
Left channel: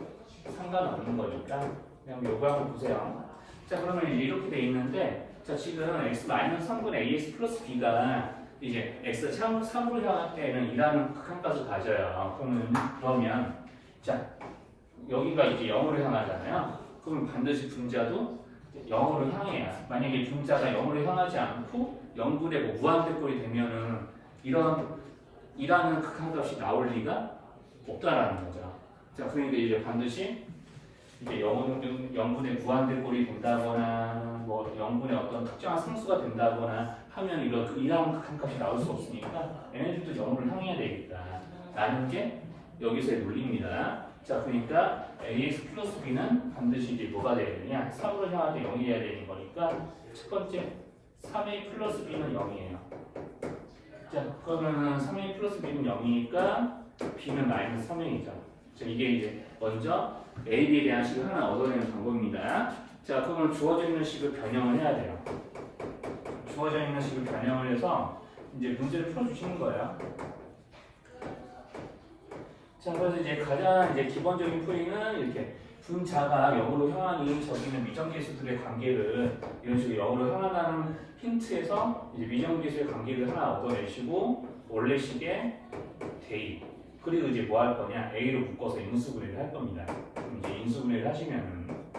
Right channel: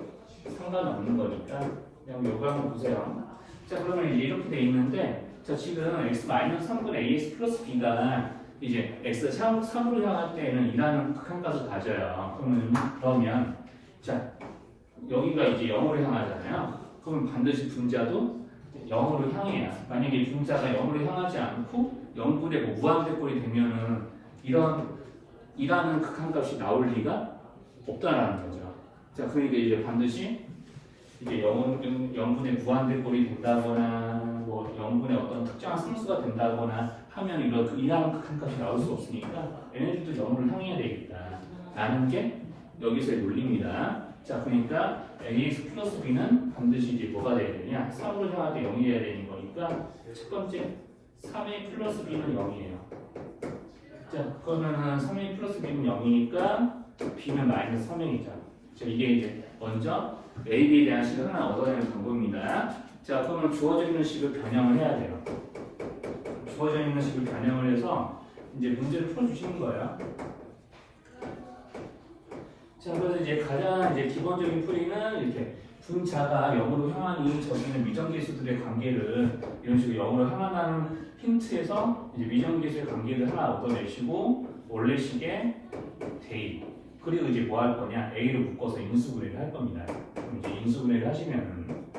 상관없는 거니까 그냥 요거 한번 보세요. 자, 그러면 이제 이렇게 돼 있는데 자, 지금 x-3분의 ax 플러스 b가 이제 x 3으로 향할 때는 2라는 극한값을 가져요. 그러면 자, 여기가 이제 0으로 향하잖아요. 그러면 반드시 분자도 0으로 향해요. 만약에 분자가 0으로 향하지 않고 0분의 뭐 무한대꼴이 되면은 이라는 극한값이 나올 리가 없다라는 거죠. 자, 그러니까 이제 반드시 이제 0분의 무한대꼴이 된다거나 뭐 0분의 어떤 특정한 상수가 된다거나 하면 이러한 극한값이 나올 수 없으니까 에너지도 0을 향해야 되겠다 라는 게 여기서의 논리입니다. 자, 그러니까 ax 플러스 b는 반드시 이제 뭐가 돼야 되냐? 3으로 향할 때 0이 돼야 되는 거니까 첫 번째 3a 플러스 b는 0이에요. 자, 그러면은 3a 플러스 b는 0이니까 b는 마이너스 3a이죠. 자, 이게 이제 먼저 a, b에 대한 식을 하나 얻어내는 방법입니다. 자, 그러면 주어져 있는 식을 변형을 해야 돼요. 주어져 있는 식을 변형을 해서 이제 문제를 풀어주시는 거예요. 자, 그래서 이제 가장 이제 기본적인 풀이는 이렇게 분자가 0으로 향하니 저기는 미정계수들의 관계를 이런 식으로 0으로 향한다는 힌트에서 이제 미정계수의 관계를 하나 얻어내시고 원래식의 대입 그리고 이제 뭐 할 거냐 a로 묶어서 인수분해를 할 겁니다. 그럼 이제 인수분해를 하시면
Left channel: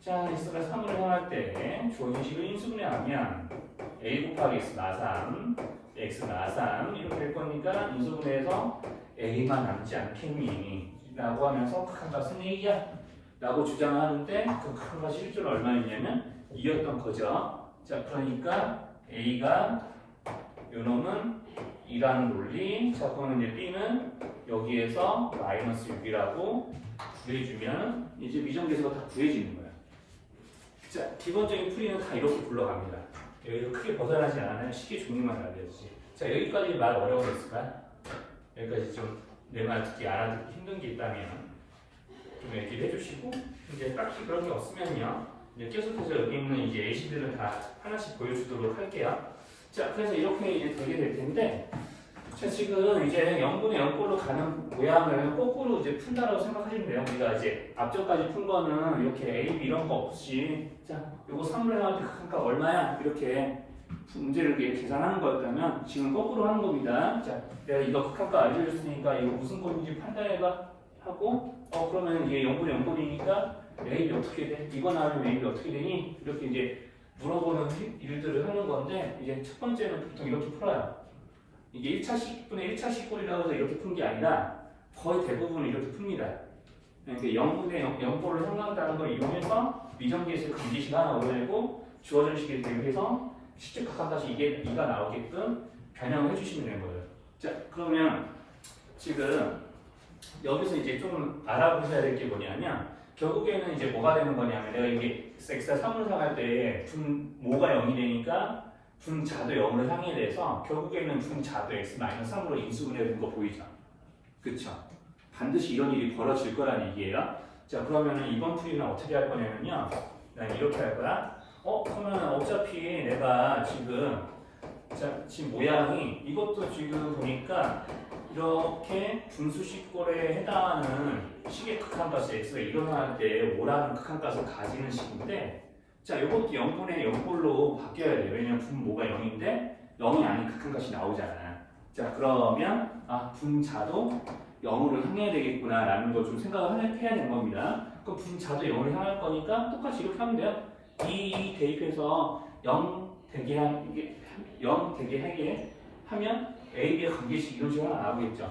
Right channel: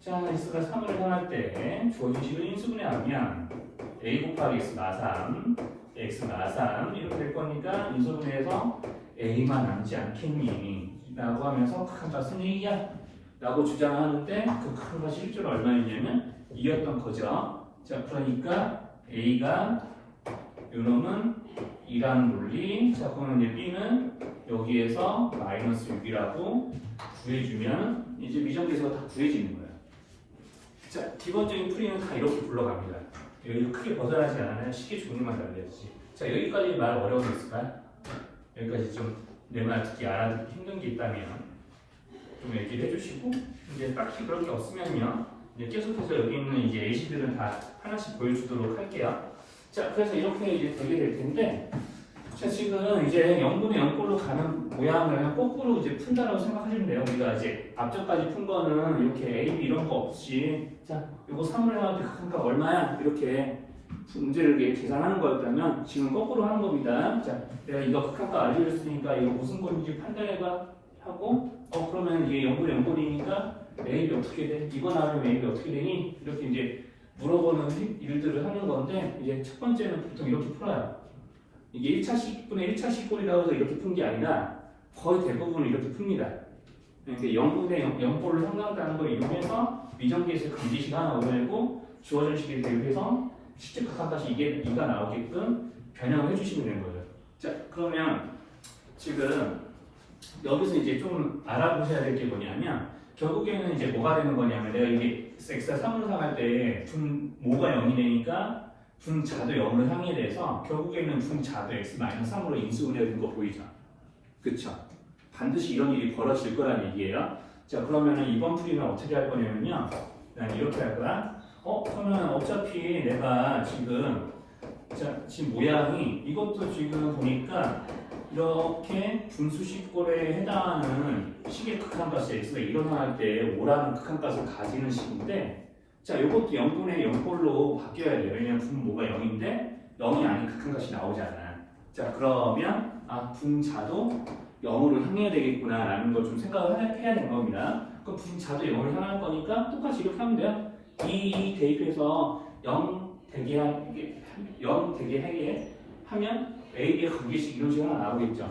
자 x가 3으로 향할 때 주어진 식을 인수분해하면 a 곱하기 x 마삼 x 마삼 이렇게 될 거니까 인수분해해서 a만 남지 않겠니? 라고 하면서 극한값은 2야 라고 주장하는데 그 극한값 실제로 얼마였냐면 2였던 거죠. 자, 그러니까 a가 요놈은 2라는 논리. 자, 그러면 이제 b는 여기에서 마이너스 6이라고 구해주면 이제 미정계수가 다 구해지는 거예요. 자, 기본적인 풀이는 다 이렇게 불러갑니다. 여기서 크게 벗어나지 않아요. 쉽게 종류만 달려야지. 자, 여기까지 말 어려우셨을까요? 여기까지 좀 내 말 듣기 알아듣기 힘든 게 있다면 좀 얘기를 해주시고 이제 딱히 그런 게 없으면요 이제 계속해서 여기 있는 이제 예시들은 다 하나씩 보여주도록 할게요. 자, 그래서 이렇게 이제 되게 될 텐데 자, 지금 이제 0분의 0꼴로 가는 모양을 거꾸로 이제 푼다라고 생각하시면 돼요. 우리가 이제 앞전까지 푼 거는 이렇게 A, B 이런 거 없이 자, 요거 3분의 1 극한값 얼마야? 이렇게 문제를 이렇게 계산하는 거였다면 지금 거꾸로 하는 겁니다. 자, 내가 이거 극한값 알려줬으니까 이거 무슨 꼴인지 판단해봐 하고 그러면 이게 0분의 0꼴이니까 A, B 어떻게 돼? 이거 나오면 A, B 어떻게 되니? 이렇게 이제 물어보는 일들을 하는 건데 이제 첫 번째는 보통 이렇게 풀어요. 이게 1차식분의 1차식꼴이라고 해서 이렇게 푼 게 아니라 거의 대부분 이렇게 풉니다. 그러니까 0분의 0꼴로 상관한다는 걸 이용해서 미정계수의 관계식 하나 얻어내고 주어진 식에 대비해서 실제 극한값이 이게 2가 나오게끔 변형을 해주시면 되는 거예요. 자, 그러면 지금 여기서 이제 좀 알아보셔야 될 게 뭐냐면 결국에는 이제 뭐가 되는 거냐면 내가 이게 x가 3을 향할 때 모가 0이 되니까 분자도 0을 향해 돼서 결국에는 분자도 x-3으로 인수분해된 거 보이죠? 그쵸? 반드시 이런 일이 벌어질 거란 얘기예요. 자, 그러면은 이번 풀이는 어떻게 할 거냐면요. 이렇게 할 거야. 그러면 어차피 내가 지금 지금 모양이 이것도 지금 보니까 이렇게 분수식꼴에 해당하는 식의 극한값이 x가 일어날 때 5라는 극한값을 가지는 식인데 자, 이것도 0분의 0꼴로 바뀌어야 돼요. 왜냐면 분모가 0인데 0이 아닌 극한값이 나오잖아. 자, 그러면 분자도 0으로 향해야 되겠구나 라는 걸 좀 생각을 해야 되는 겁니다. 그럼 분자도 0으로 향할 거니까 똑같이 이렇게 하면 돼요. 이 대입해서 0 되게 하게 하면 A, B의 관계식 이런 식으로 하나 나오겠죠.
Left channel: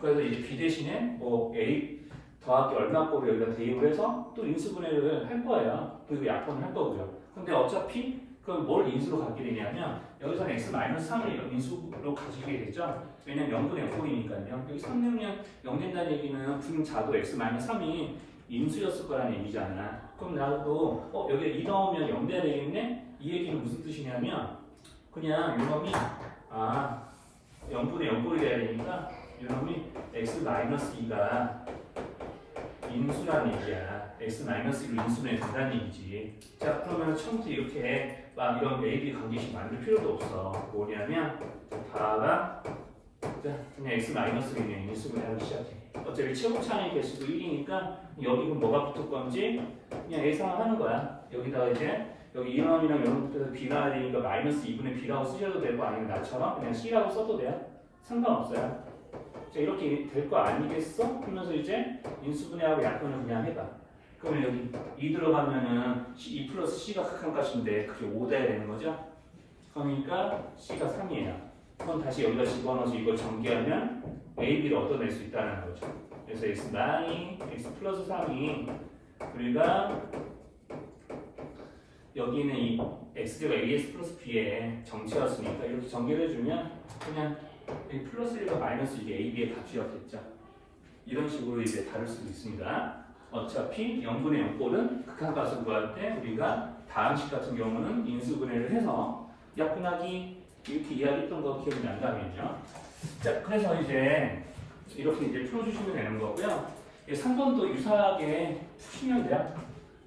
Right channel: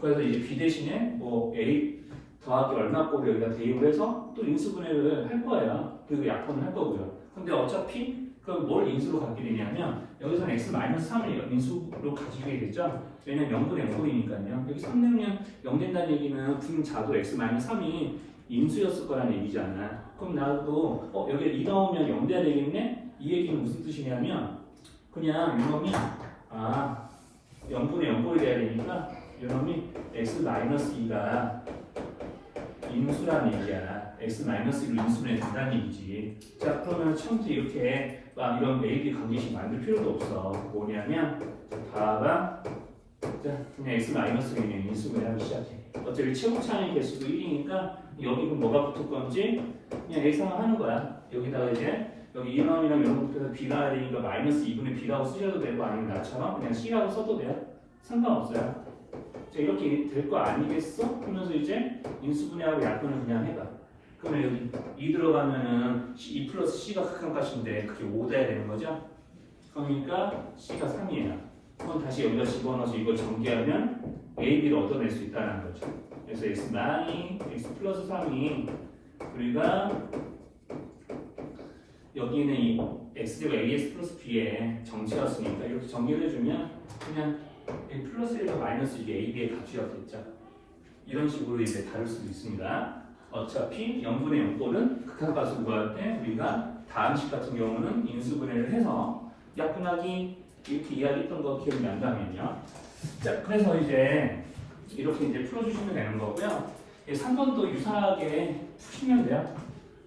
그래서 이제 B 대신에 뭐 A 더하기 얼마 꼴을 여기다 대입을 해서 또 인수분해를 할 거예요. 그리고 약분을 할 거고요. 근데 어차피 그럼 뭘 인수로 갖게 되냐면 여기서는 x-3을 인수로 가지게 되겠죠. 왜냐면 0분의 0꼴이니까요. 여기 3 넣으면 0 된다는 얘기는 분자도 x-3이 인수였을 거라는 얘기잖아. 그럼 나도 여기에 2 넣으면 0 돼야 되겠네? 이 얘기는 무슨 뜻이냐면 그냥 이놈이 0분의 0꼴이 돼야 되니까 이놈이 x-2가 인수란 얘기야. x-1로 인수는 된다는 얘기지. 자, 그러면 처음부터 이렇게 막 이런 A, B 관계식 만들 필요도 없어. 뭐냐면 봐봐. 자, 그냥 x-를 그냥 인수를 하기 시작해. 어차피 최고차항의 개수도 1이니까 여기 뭐가 붙을 건지 그냥 예상을 하는 거야. 여기다가 이제 여기 2번이랑 이런 것부터 B가 해야 되니까 마이너스 2분의 B라고 쓰셔도 되고 아니면 나처럼 그냥 C라고 써도 돼요. 상관없어요. 자, 이렇게 될 거 아니겠어? 하면서 이제 인수분해하고 약분을 그냥 해봐. 그러면 여기 2 들어가면은 2 플러스 C가 극한값인데 그게 5 돼야 되는 거죠? 그러니까 C가 3이에요. 그럼 다시 여기다 집어넣어서 이걸 전개하면 A, B를 얻어낼 수 있다는 거죠. 그래서 x 플러스 3이 우리가 여기는 이 x제가 ax 플러스 b의 정체였으니까 이렇게 전개를 해주면 그냥 이 플러스 1과 마이너스 1이 a, b의 값이었겠죠. 이런 식으로 이제 다룰 수도 있습니다. 어차피 0분의 0꼴은 극한값을 구할 때 우리가 다음식 같은 경우는 인수분해를 해서 약분하기 이렇게 이야기했던 거 기억이 난다면요. 자, 그래서 이제 이렇게 이제 풀어주시면 되는 거고요. 3번도 유사하게 푸시면 돼요.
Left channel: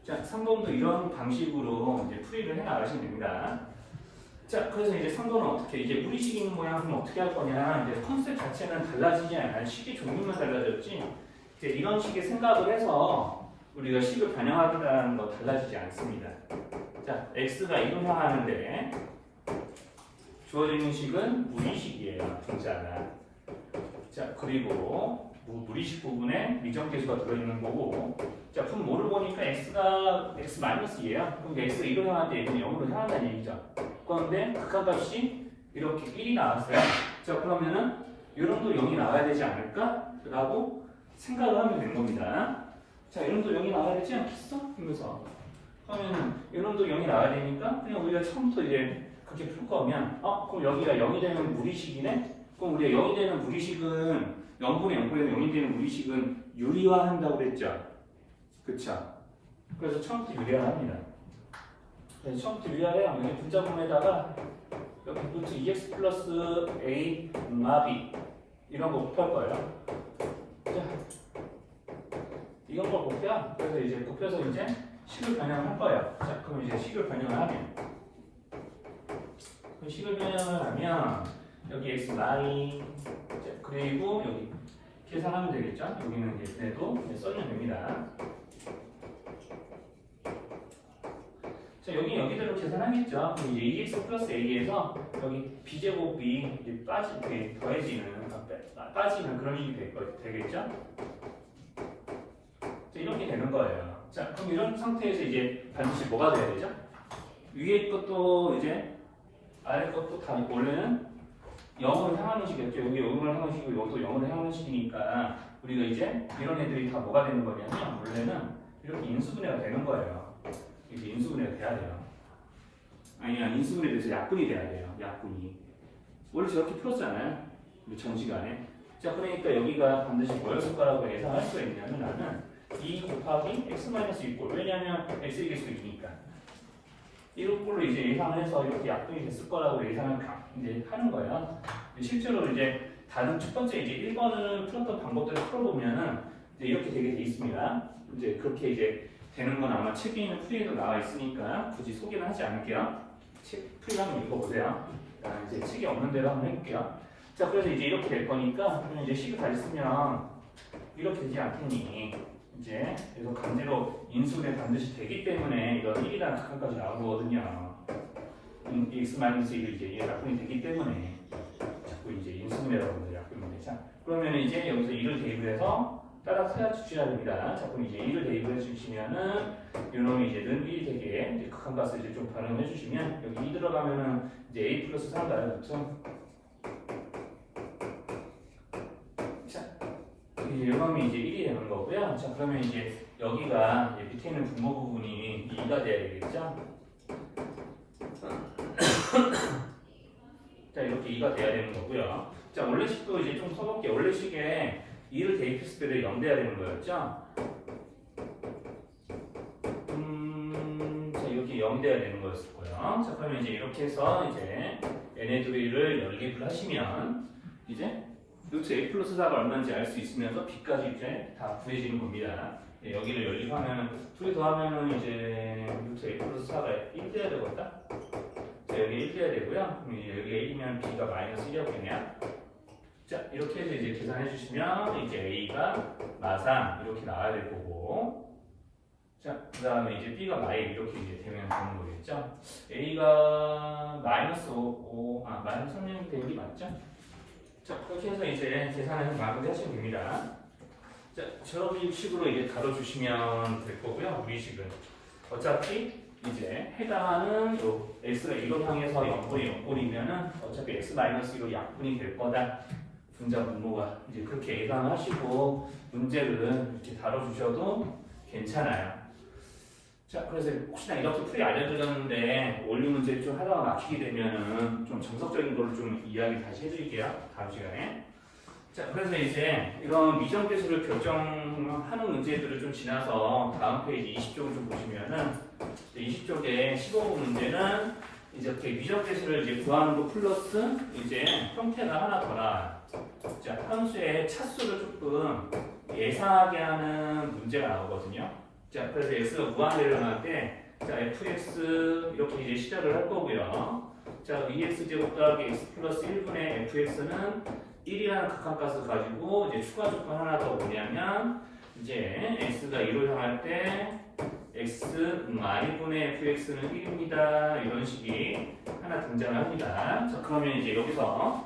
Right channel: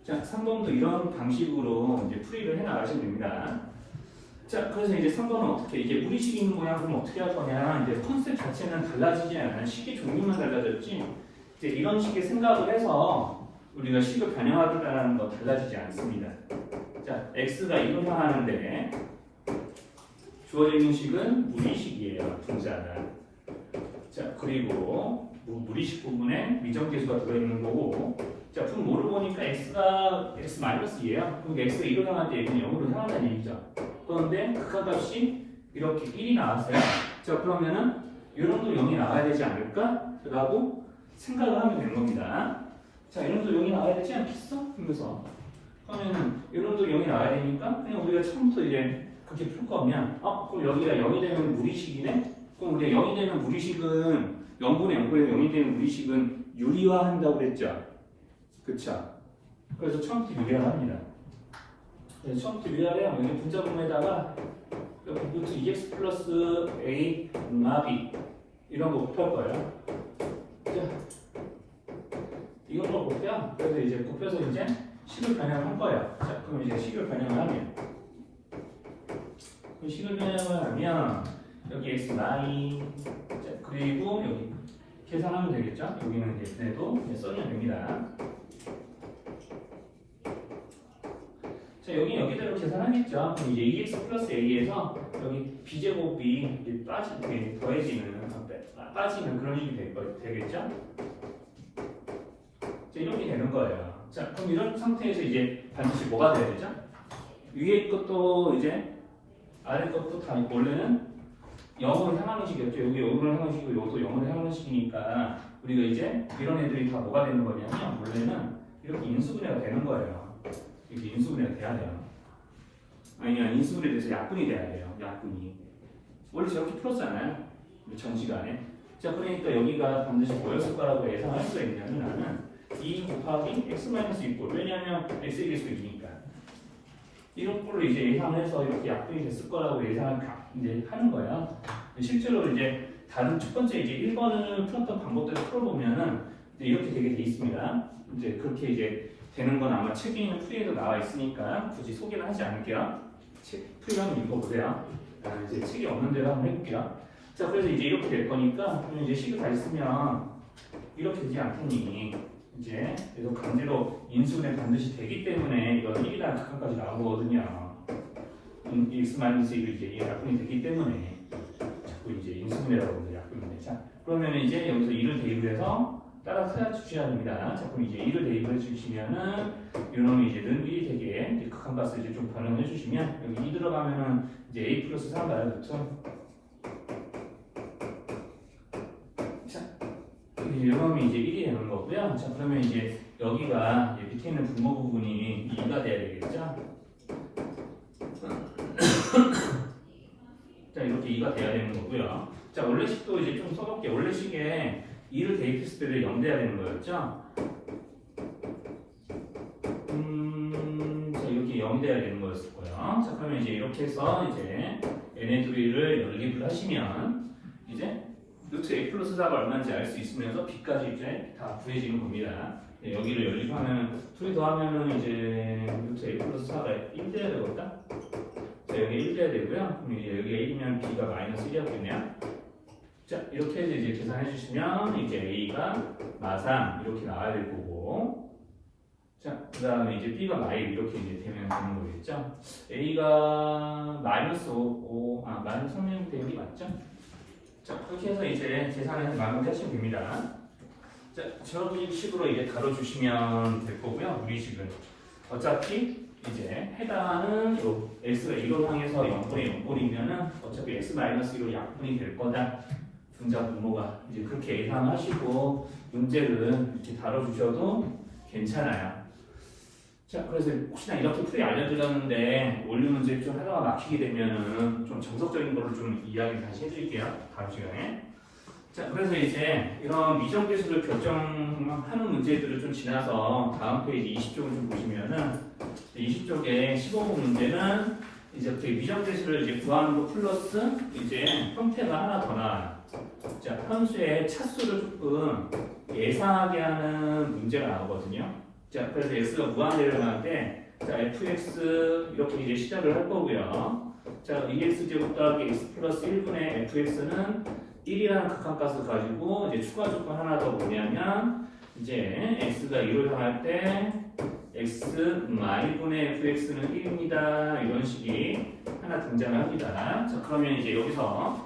자, 3번도 이런 방식으로 이제 풀이를 해 나가시면 됩니다. 자, 그래서 이제 3번은 어떻게, 이제 우리식 있는 모양은 어떻게 할 거냐. 이제 컨셉 자체는 달라지지 않아요. 식의 종류만 달라졌지. 이제 이런 식의 생각을 해서 우리가 식을 반영하기라는 거 달라지지 않습니다. 자, x가 1로 향하는데 주어지는 식은 무리식이에요. 분자가. 자, 그리고 무리식 부분에 미정계수가 들어있는 거고, 자, 분 뭐를 보니까 x가 x-2예요. 그럼 x가 1로 향할 때 얘는 0으로 향한다는 얘기죠. 그런데 극한값이 이렇게 1이 나왔어요. 자, 그러면은 이런도 0이 나와야 되지 않을까? 라고 생각을 하면 되는 겁니다. 자, 이런도 0이 나와야 되지 않겠어? 하면서 그러면은 이런도 0이 나와야 되니까 그냥 우리가 처음부터 이제 그렇게 풀 거면 그럼 여기가 0이 되면 무리식이네? 그럼 우리가 0이 되는 무리식은 0분의 0분의 0이 되는 무리식은 유리화한다고 그랬죠? 그쵸? 그래서 처음부터 유리화합니다. 그래서 처음부터 유리화를 해요. 여기 분자분에다가 여기 루트 2x 플러스 a 마비 이런 거 곱할 거예요. 자, 이런 걸 곱해요. 그래서 이제 곱해서 이제 식을 변형을 할 거예요. 자, 그럼 이제 식을 변형을 하면 식을 변형을 하면 여기 x y 그리고 여기 계산하면 되겠죠? 여기는 이제 얘도 써주면 됩니다. 자, 여기대로 계산하겠죠? 그럼 이제 2x 플러스 a에서 여기 b제곱이 이제 빠지는 그런 식이 되겠죠? 자, 이렇게 되는 거예요. 자, 그럼 이런 상태에서 이제 반드시 뭐가 돼야 되죠? 위에 것도 이제 아래 것도 다 원래는 0으로 향하는 식이었죠. 여기 0으로 향하는 식이고 이것도 0으로 향하는 식이니까 우리가 이제 이런 애들이 다 뭐가 되는 거냐면 원래는 이렇게 인수분해가 되는 거예요. 이렇게 인수분해가 돼야 돼요. 아니야, 인수분해에 대해서 약분이 돼야 돼요. 약분이. 원래 저렇게 풀었잖아요. 우리 전시간에. 자, 그러니까 여기가 반드시 뭐였을 거라고 예상할 수가 있냐면 나는 2 곱하기 x-2꼴. 왜냐면 x의 개수이니까. 이런 꼴로 이제 예상을 해서 이렇게 약분이 됐을 거라고 예상을 이제 하는 거예요. 실제로 이제 다른 첫 번째 이제 1번을 풀었던 방법대로 풀어보면은 이제 이렇게 되게 돼 있습니다. 이제 그렇게 이제 되는 건 아마 책에 있는 풀이에도 나와 있으니까 굳이 소개는 하지 않을게요. 책 풀이 한번 읽어보세요. 이제 책이 없는 대로 한번 해볼게요. 자, 그래서 이제 이렇게 될 거니까 그러면 이제 식을 잘 쓰면 이렇게 되지 않겠니? 이제 그래서 강제로 인수분해 반드시 되기 때문에 이런 1이라는 극한까지 나온 거거든요. x-1이 이제 약분이 되기 때문에 자꾸 이제 인수분해라고 합니다. 약분인데. 자, 그러면 이제 여기서 2를 대입을 해서 따라 주셔야 됩니다. 자, 그럼 이제 2를 대입을 해주시면은 이놈이 이제 는 1이 되게 이제 극한값을 이제 좀 변형해 주시면 여기 2 들어가면은 이제 a 플러스 3 나와있죠. 자, 이놈이 이제 1이 되는 거고요. 자, 그러면 이제 여기가 이제 밑에 있는 분모 부분이 2가 돼야 되겠죠. 자, 이렇게 2가 돼야 되는 거고요. 자, 원래식도 이제 좀 써볼게요. 원래식에 2를 대입했을 때 0 돼야 되는 거였죠? 자, 이렇게 0 돼야 되는 거였을 거예요. 자, 그러면 이제 이렇게 해서 이제 n의 둘이를 연립을 하시면 이제 루트 a 플러스 4가 얼마인지 알 수 있으면서 b까지 이제 다 구해지는 겁니다. 네, 여기를 연립하면 둘이 더하면은 이제 루트 a 플러스 4가 1 돼야 되겠다? 자, 여기 1 돼야 되고요. 그럼 이제 여기 1이면 b가 마이너스 1이었겠네요. 자, 이렇게 해서 이제 계산해 주시면 이제 a가 마삼 이렇게 나와야 될 거고, 자, 그 다음에 이제 b가 마일 이렇게 이제 되면 되는 거겠죠. a가 마이너스 5, 마이너스 3이 되는 게 맞죠? 자, 그렇게 해서 이제 계산을 마무리하시면 됩니다. 자, 저런 식으로 이제 다뤄주시면 될 거고요. 우리 식은 어차피 이제 해당하는 요 x가 1로 향해서 0분의 0분이면은 어차피 x-1로 약분이 될 거다. 분자 분모가 이제 그렇게 예상하시고 문제를 이렇게 다뤄주셔도 괜찮아요. 자, 그래서 혹시나 이렇게 풀이 알려드렸는데 원리 문제 좀 하다가 막히게 되면은 좀 정석적인 거를 좀 이야기 다시 해드릴게요. 다음 시간에. 자, 그래서 이제 이런 미정계수를 결정하는 문제들을 좀 지나서 다음 페이지 20쪽을 좀 보시면은 20쪽에 15번 문제는 이제 이렇게 미정계수를 이제 구하는 거 플러스 이제 형태가 하나 더 나와요. 자, 함수의 차수를 조금 예상하게 하는 문제가 나오거든요. 자, 그래서 x가 무한대를 나갈 때, 자, fx 이렇게 이제 시작을 할 거고요. 자, 2x 제곱 더하기 x 플러스 1분의 fx는 1이라는 극한값을 가지고 이제 추가 조건 하나 더 뭐냐면 이제 x가 2로 향할 때 x 마이분의 fx는 1입니다. 이런 식이 하나 등장을 합니다. 자, 그러면 이제 여기서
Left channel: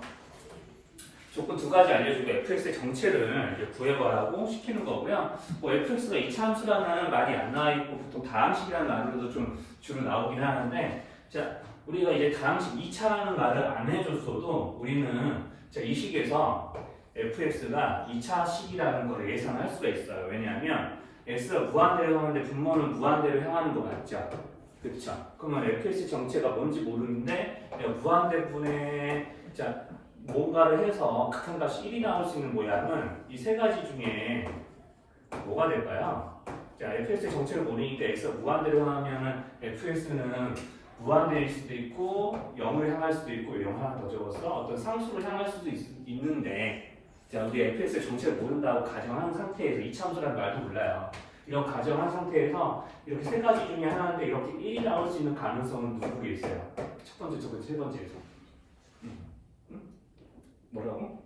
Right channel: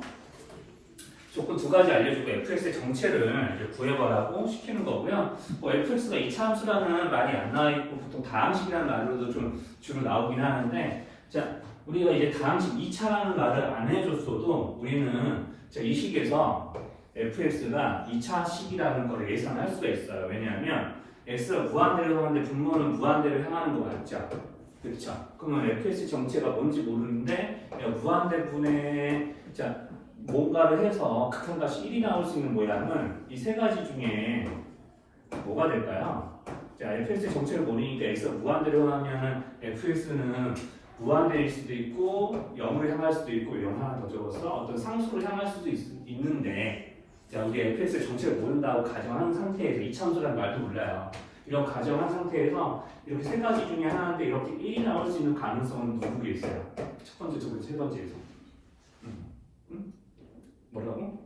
조건 두 가지 알려주고 fx의 정체를 이제 구해보라고 시키는 거고요. 뭐 fx가 2차 함수라는 말이 안 나와 있고 보통 다항식이라는 말로도 좀 주로 나오긴 하는데, 자, 우리가 이제 다항식 2차라는 말을 안 해줬어도 우리는 자, 이 식에서 fx가 2차 식이라는 걸 예상할 수가 있어요. 왜냐하면 x가 무한대로 하는데 분모는 무한대로 향하는 거 맞죠? 그렇죠? 그러면 fx 정체가 뭔지 모르는데 무한대분의 자 뭔가를 해서 극한값이 1이 나올 수 있는 모양은 이 세 가지 중에 뭐가 될까요? 자, fx의 정체를 모르니까 x가 무한대로 하면은 fx는 무한대일 수도 있고 0을 향할 수도 있고 이런 거 하나 더 적었어. 어떤 상수를 향할 수도 있는데, 자, 우리 fx의 정체를 모른다고 가정한 상태에서 이참수라는 말도 몰라요. 이런 가정한 상태에서 이렇게 세 가지 중에 하나인데 이렇게 1이 나올 수 있는 가능성은 누구 게 있어요? 첫 번째, 두 번째, 세 번째에서. 뭐라고?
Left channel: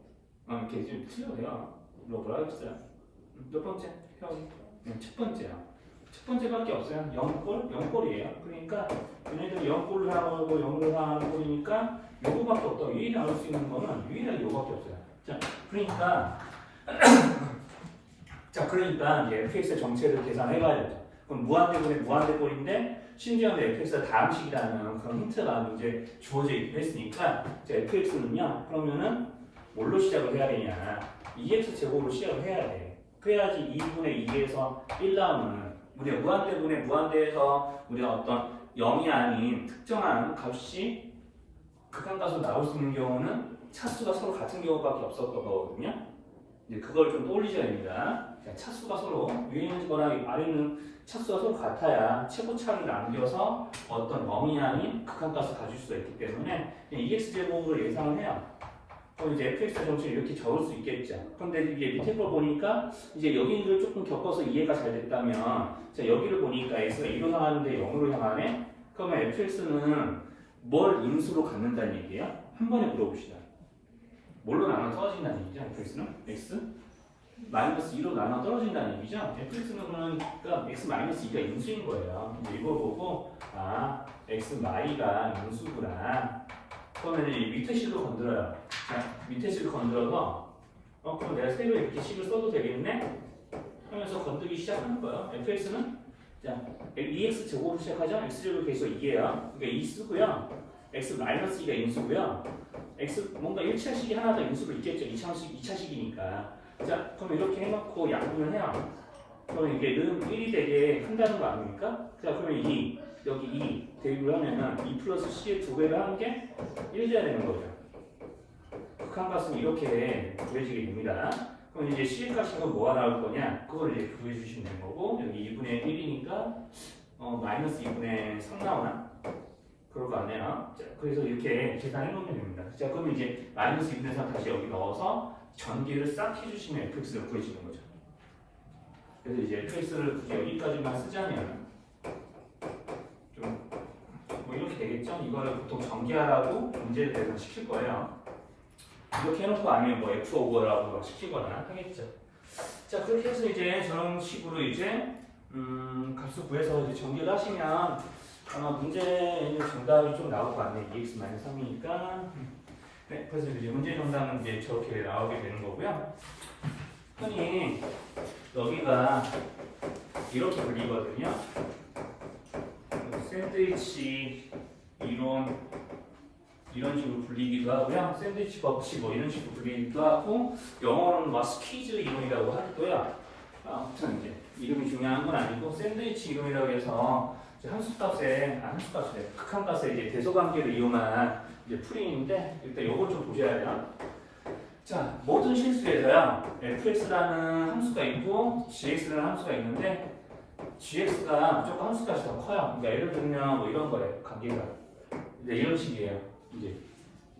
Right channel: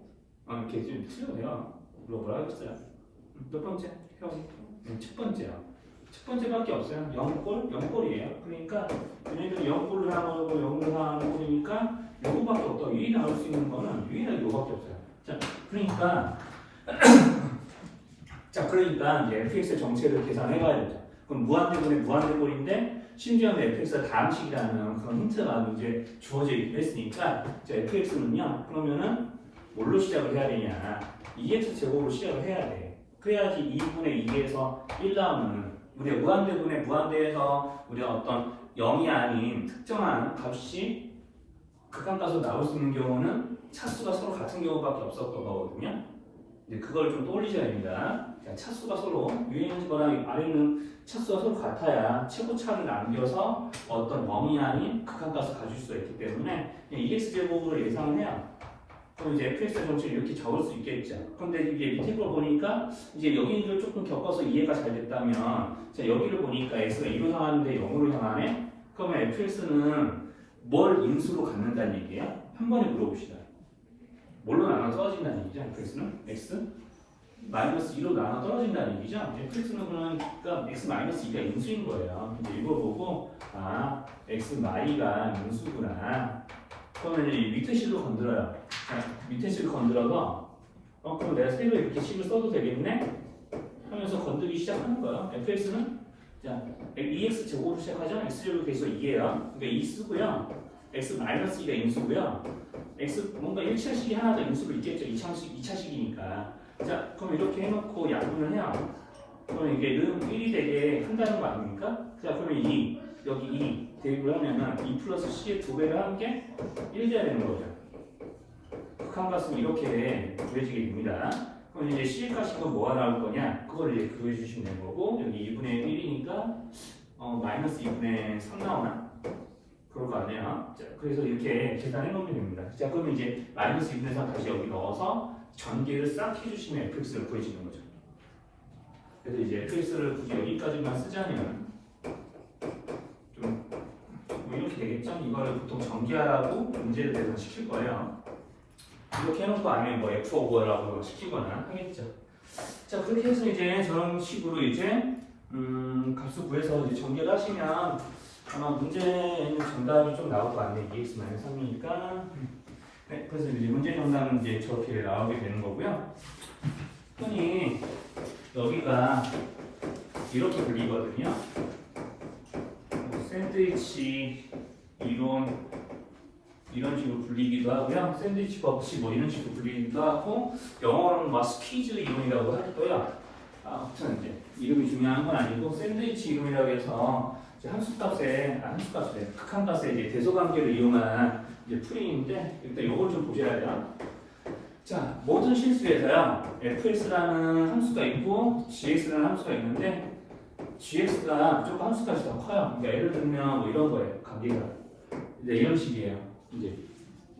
이렇게 지금 틀려요. 뭐라고 했어요? 몇 번째? 형. 첫 번째야. 첫 번째밖에 없어요. 0골? 0골이에요. 그러니까 얘네들 0골을 하고 0을 하는 꼴이니까 요거밖에 없다. 유일히 나올 수 있는 거는 유일하게 요거밖에 없어요. 자, 그러니까 이제 fx의 정체를 계산해가야 되죠. 그럼 무한대분의 무한대꼴인데 심지어는 fx가 다항식이라는 그런 힌트가 이제 주어져 있긴 했으니까 fx는요. 그러면은 뭘로 시작을 해야 되냐? 2x 제곱으로 시작을 해야 돼. 그래야지 2분의 2에서 1 나오는 우리 무한대분의 무한대에서 우리가 어떤 0이 아닌 특정한 값이 극한값으로 나올 수 있는 경우는 차수가 서로 같은 경우밖에 없었던 거거든요. 이제 그걸 좀 떠올리셔야 됩니다. 차수가 서로 위에 있는 거랑 아래 있는 차수가 서로 같아야 최고차를 남겨서 어떤 0이 아닌 극한값을 가질 수가 있기 때문에 2x 제곱으로 예상을 해요. 그럼 이제 fx 정체를 이렇게 적을 수 있겠죠. 그런데 이게 밑에 걸 보니까 이제 여기를 조금 겪어서 이해가 잘 됐다면, 자, 여기를 보니까 x가 2로 향하는데 0으로 향하네? 그러면 fx는 뭘 인수로 갖는다는 얘기예요? 한 번에 물어봅시다. 뭘로 나눠 써진다는 얘기죠? fx는 x 마이너스 2로 나눠 떨어진다는 얘기죠. fx는 그러니까 x 마이너스 2가 인수인 거예요. 이제 이거 보고 아 x 마이가 인수구나. 그러면 이 밑에 식을 건드려요. 자, 밑에 식을 건드려서 그럼 내가 새로 이렇게 식을 써도 되겠네? 하면서 건드기 시작하는 거예요. fx는 자 2x 제곱으로 시작하죠. x제곱 계속 2예요. 그러니까 2 쓰고요. x 마이너스 2가 인수고요. x 뭔가 1차식이 하나 더 인수로 있겠죠. 2차식이니까. 자, 그럼 이렇게 해놓고 약분을 해요. 그럼 이게 는 1이 되게 한다는 거 아닙니까? 자, 그러면 2, 여기 2 대입을 하면은 2 플러스 c의 2배를 하는 게 1 돼야 되는 거죠. 극한값은 이렇게 구해지게 됩니다. 그럼 이제 c의 값은 뭐가 나올 거냐? 그걸 이제 구해주시면 되는 거고, 여기 2분의 1이니까 마이너스 2분의 3 나오나? 그럴 거 아니에요. 자, 그래서 이렇게 계산해 놓으면 됩니다. 자, 그러면 이제 마이너스 2분의 3 다시 여기 넣어서 전개를 싹 해주시면 fx를 구해지는 거죠. 그래서 이제 fx를 굳이 여기까지만 쓰자면 좀 뭐 이렇게 되겠죠? 이거를 보통 전개하라고 문제를 내서 시킬 거예요. 이렇게 해놓고 아니면 뭐 f 오버라고 시키거나 하겠죠. 자, 그렇게 해서 이제 저런 식으로 이제 값을 구해서 이제 전개를 하시면 아마 문제에 있는 정답이 좀 나올 거 아니에요. 2x-3이니까. 네, 그래서 이제 문제 정답은 이제 저렇게 나오게 되는 거고요. 흔히 여기가 이렇게 불리거든요. 샌드위치 이론 이런 식으로 불리기도 하고요. 샌드위치 법칙 뭐 이런 식으로 불리기도 하고 영어로는 막 스퀴즈 이론이라고 하고요. 아무튼 이제 이름이 중요한 건 아니고 샌드위치 이론이라고 해서 함수값에 극한값에 이제 대소관계를 이용한 이제 풀이인데 일단 이걸 좀 보셔야 돼요. 자, 모든 실수에서요 fx라는 함수가 있고 gx라는 함수가 있는데 gx가 무조건 함수값이 더 커요. 그러니까 예를 들면 뭐 이런 거예요. 관계가 이제 이런 식이에요. 이제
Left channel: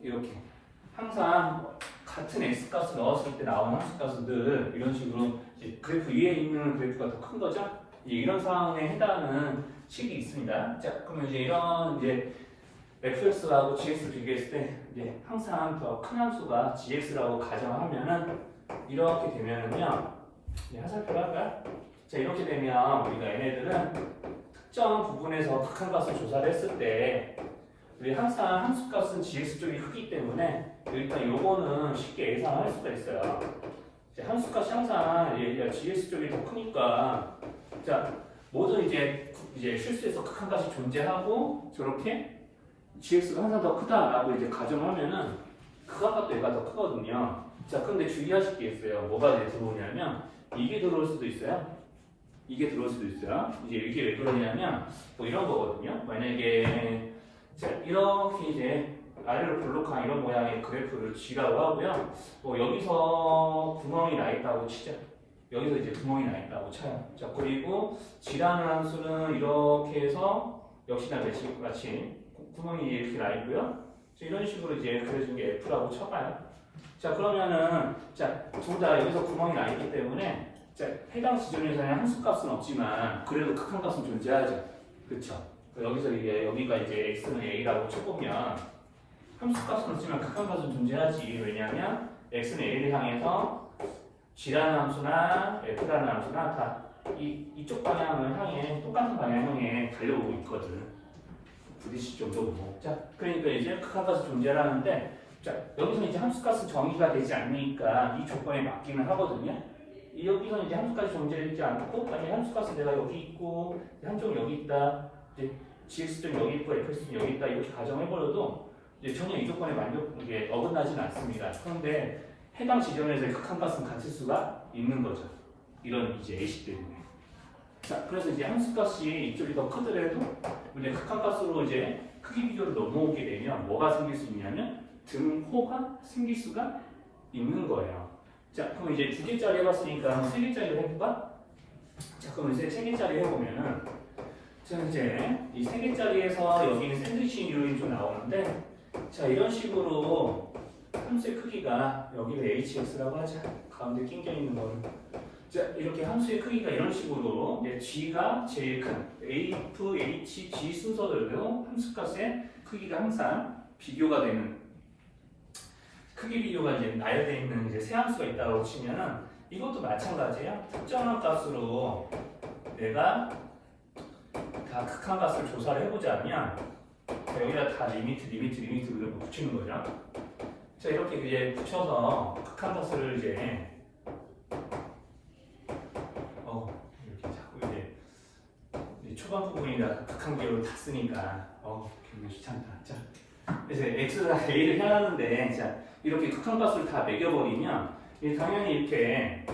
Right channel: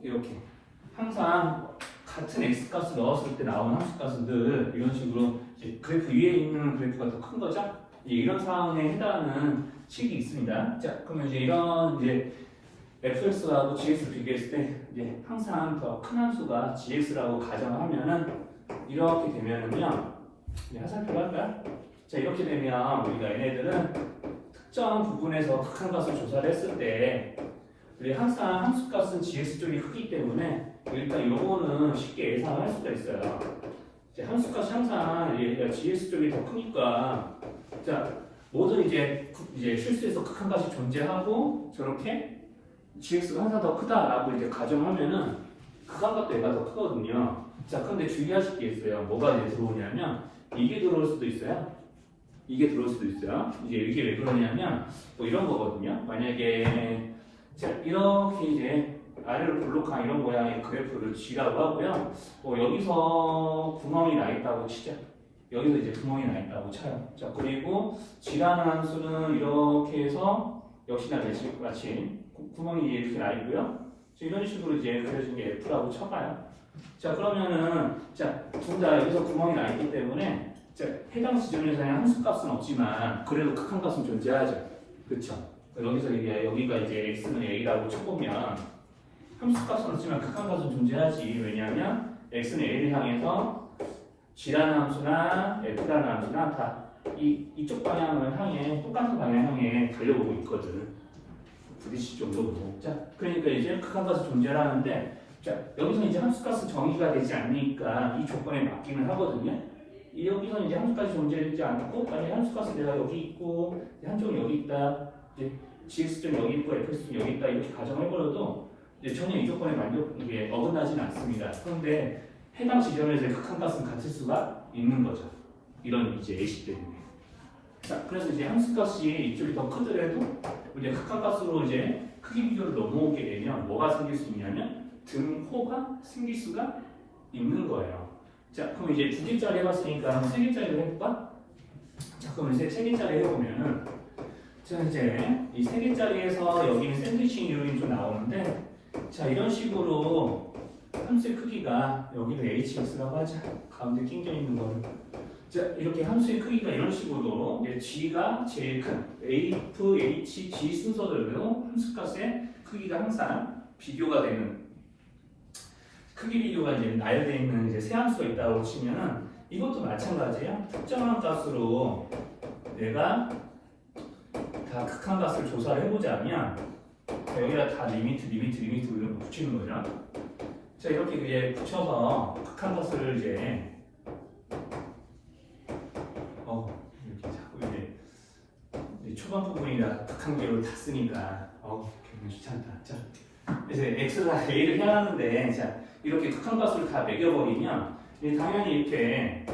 이렇게 항상 같은 x값을 넣었을 때 나오는 함수값은 늘 이런 식으로 이제 그래프 위에 있는 그래프가 더 큰 거죠. 이런 상황에 해당하는 식이 있습니다. 자, 그러면 이제 이런 이제 fx하고 gx를 비교했을 때 이제 항상 더 큰 함수가 gx라고 가정하면은 이렇게 되면은요. 화살표가 할까요? 자, 이렇게 되면 우리가 얘네들은 특정 부분에서 극한값을 조사를 했을 때 우리 항상 함수값은 gx 쪽이 크기 때문에 일단 요거는 쉽게 예상할 수가 있어요. 이제 함수값이 항상 gx 쪽이 더 크니까 자, 모든 이제 실수에서 극한값이 존재하고 저렇게 gx가 항상 더 크다라고 이제 가정하면은 극한값도 얘가 더 크거든요. 자, 그런데 주의하실 게 있어요. 뭐가 이제 들어오냐면 이게 들어올 수도 있어요. 이게 들어올 수도 있어요. 이제 이게 왜 그러냐면 뭐 이런 거거든요. 만약에 자, 이렇게 이제 아래로 볼록한 이런 모양의 그래프를 G라고 하고요. 여기서 구멍이 나 있다고 치자. 여기서 이제 구멍이 나 있다고 쳐요. 자, 그리고 G라는 함수는 이렇게 해서 역시나 같이 구멍이 이렇게 나 있고요. 이런 식으로 이제 그려진 게 F라고 쳐봐요. 자, 그러면은 자, 둘 다 여기서 구멍이 나 있기 때문에 자, 해당 지점에서는 함수값은 없지만 그래도 극한값은 존재하죠. 그렇죠? 여기서 이제 여기가 이제 x는 a라고 쳐보면 함수값은 없지만 극한값은 존재하지. 왜냐하면 x는 a를 향해서 g라는 함수나 f라는 함수나 다 이쪽 방향을 향해 똑같은 방향 향해 달려오고 있거든. 부딪힐 정도로. 자, 그러니까 이제 극한값이 존재하는데 자, 여기서 이제 함수값은 정의가 되지 않으니까 이 조건에 맞기는 하거든요. 여기서 이제 함수값이 존재하지 않고 아니 함수값이 내가 여기 있고 한쪽은 여기 있다. 이제 gx점 여기 있고 fx점 여기 있다 이렇게 가정해버려도 이제 전혀 이 조건에 이게 어긋나지는 않습니다. 그런데 해당 지점에서의 극한값은 같을 수가 있는 거죠. 이런 이제 예시 때문에. 자, 그래서 이제 함수값이 이쪽이 더 크더라도 이제 극한값으로 이제 크기 비교를 넘어오게 되면 뭐가 생길 수 있냐면 등호가 생길 수가 있는 거예요. 자, 그럼 이제 2개짜리 해봤으니까 3개짜리로 해볼까? 자, 그럼 이제 3개짜리 해보면은 자, 이제 이 3개짜리에서 여기 샌드위치 이론이 좀 나오는데 자, 이런 식으로 함수의 크기가 여기를 hx라고 하자. 가운데 낑겨 있는 거는 자, 이렇게 함수의 크기가 이런 식으로 g가 제일 큰 f, h, g 순서대로 함수값의 크기가 항상 비교가 되는 크기 비교가 이제 나열되어 있는 이제 세 함수가 있다고 치면은 이것도 마찬가지예요. 특정한 값으로 내가 다 극한값을 조사를 해보자면 자, 여기다 다 리미트 이런 거 붙이는 거죠. 자, 이렇게 이제 붙여서 극한값을 이제 이렇게 자꾸 이제 초반 부분이라 극한 기호를 다 쓰니까 굉장히 귀찮다. 자, 그래서 x랑 a를 향하는데 자, 이렇게 극한값을 다 매겨버리면 당연히 이렇게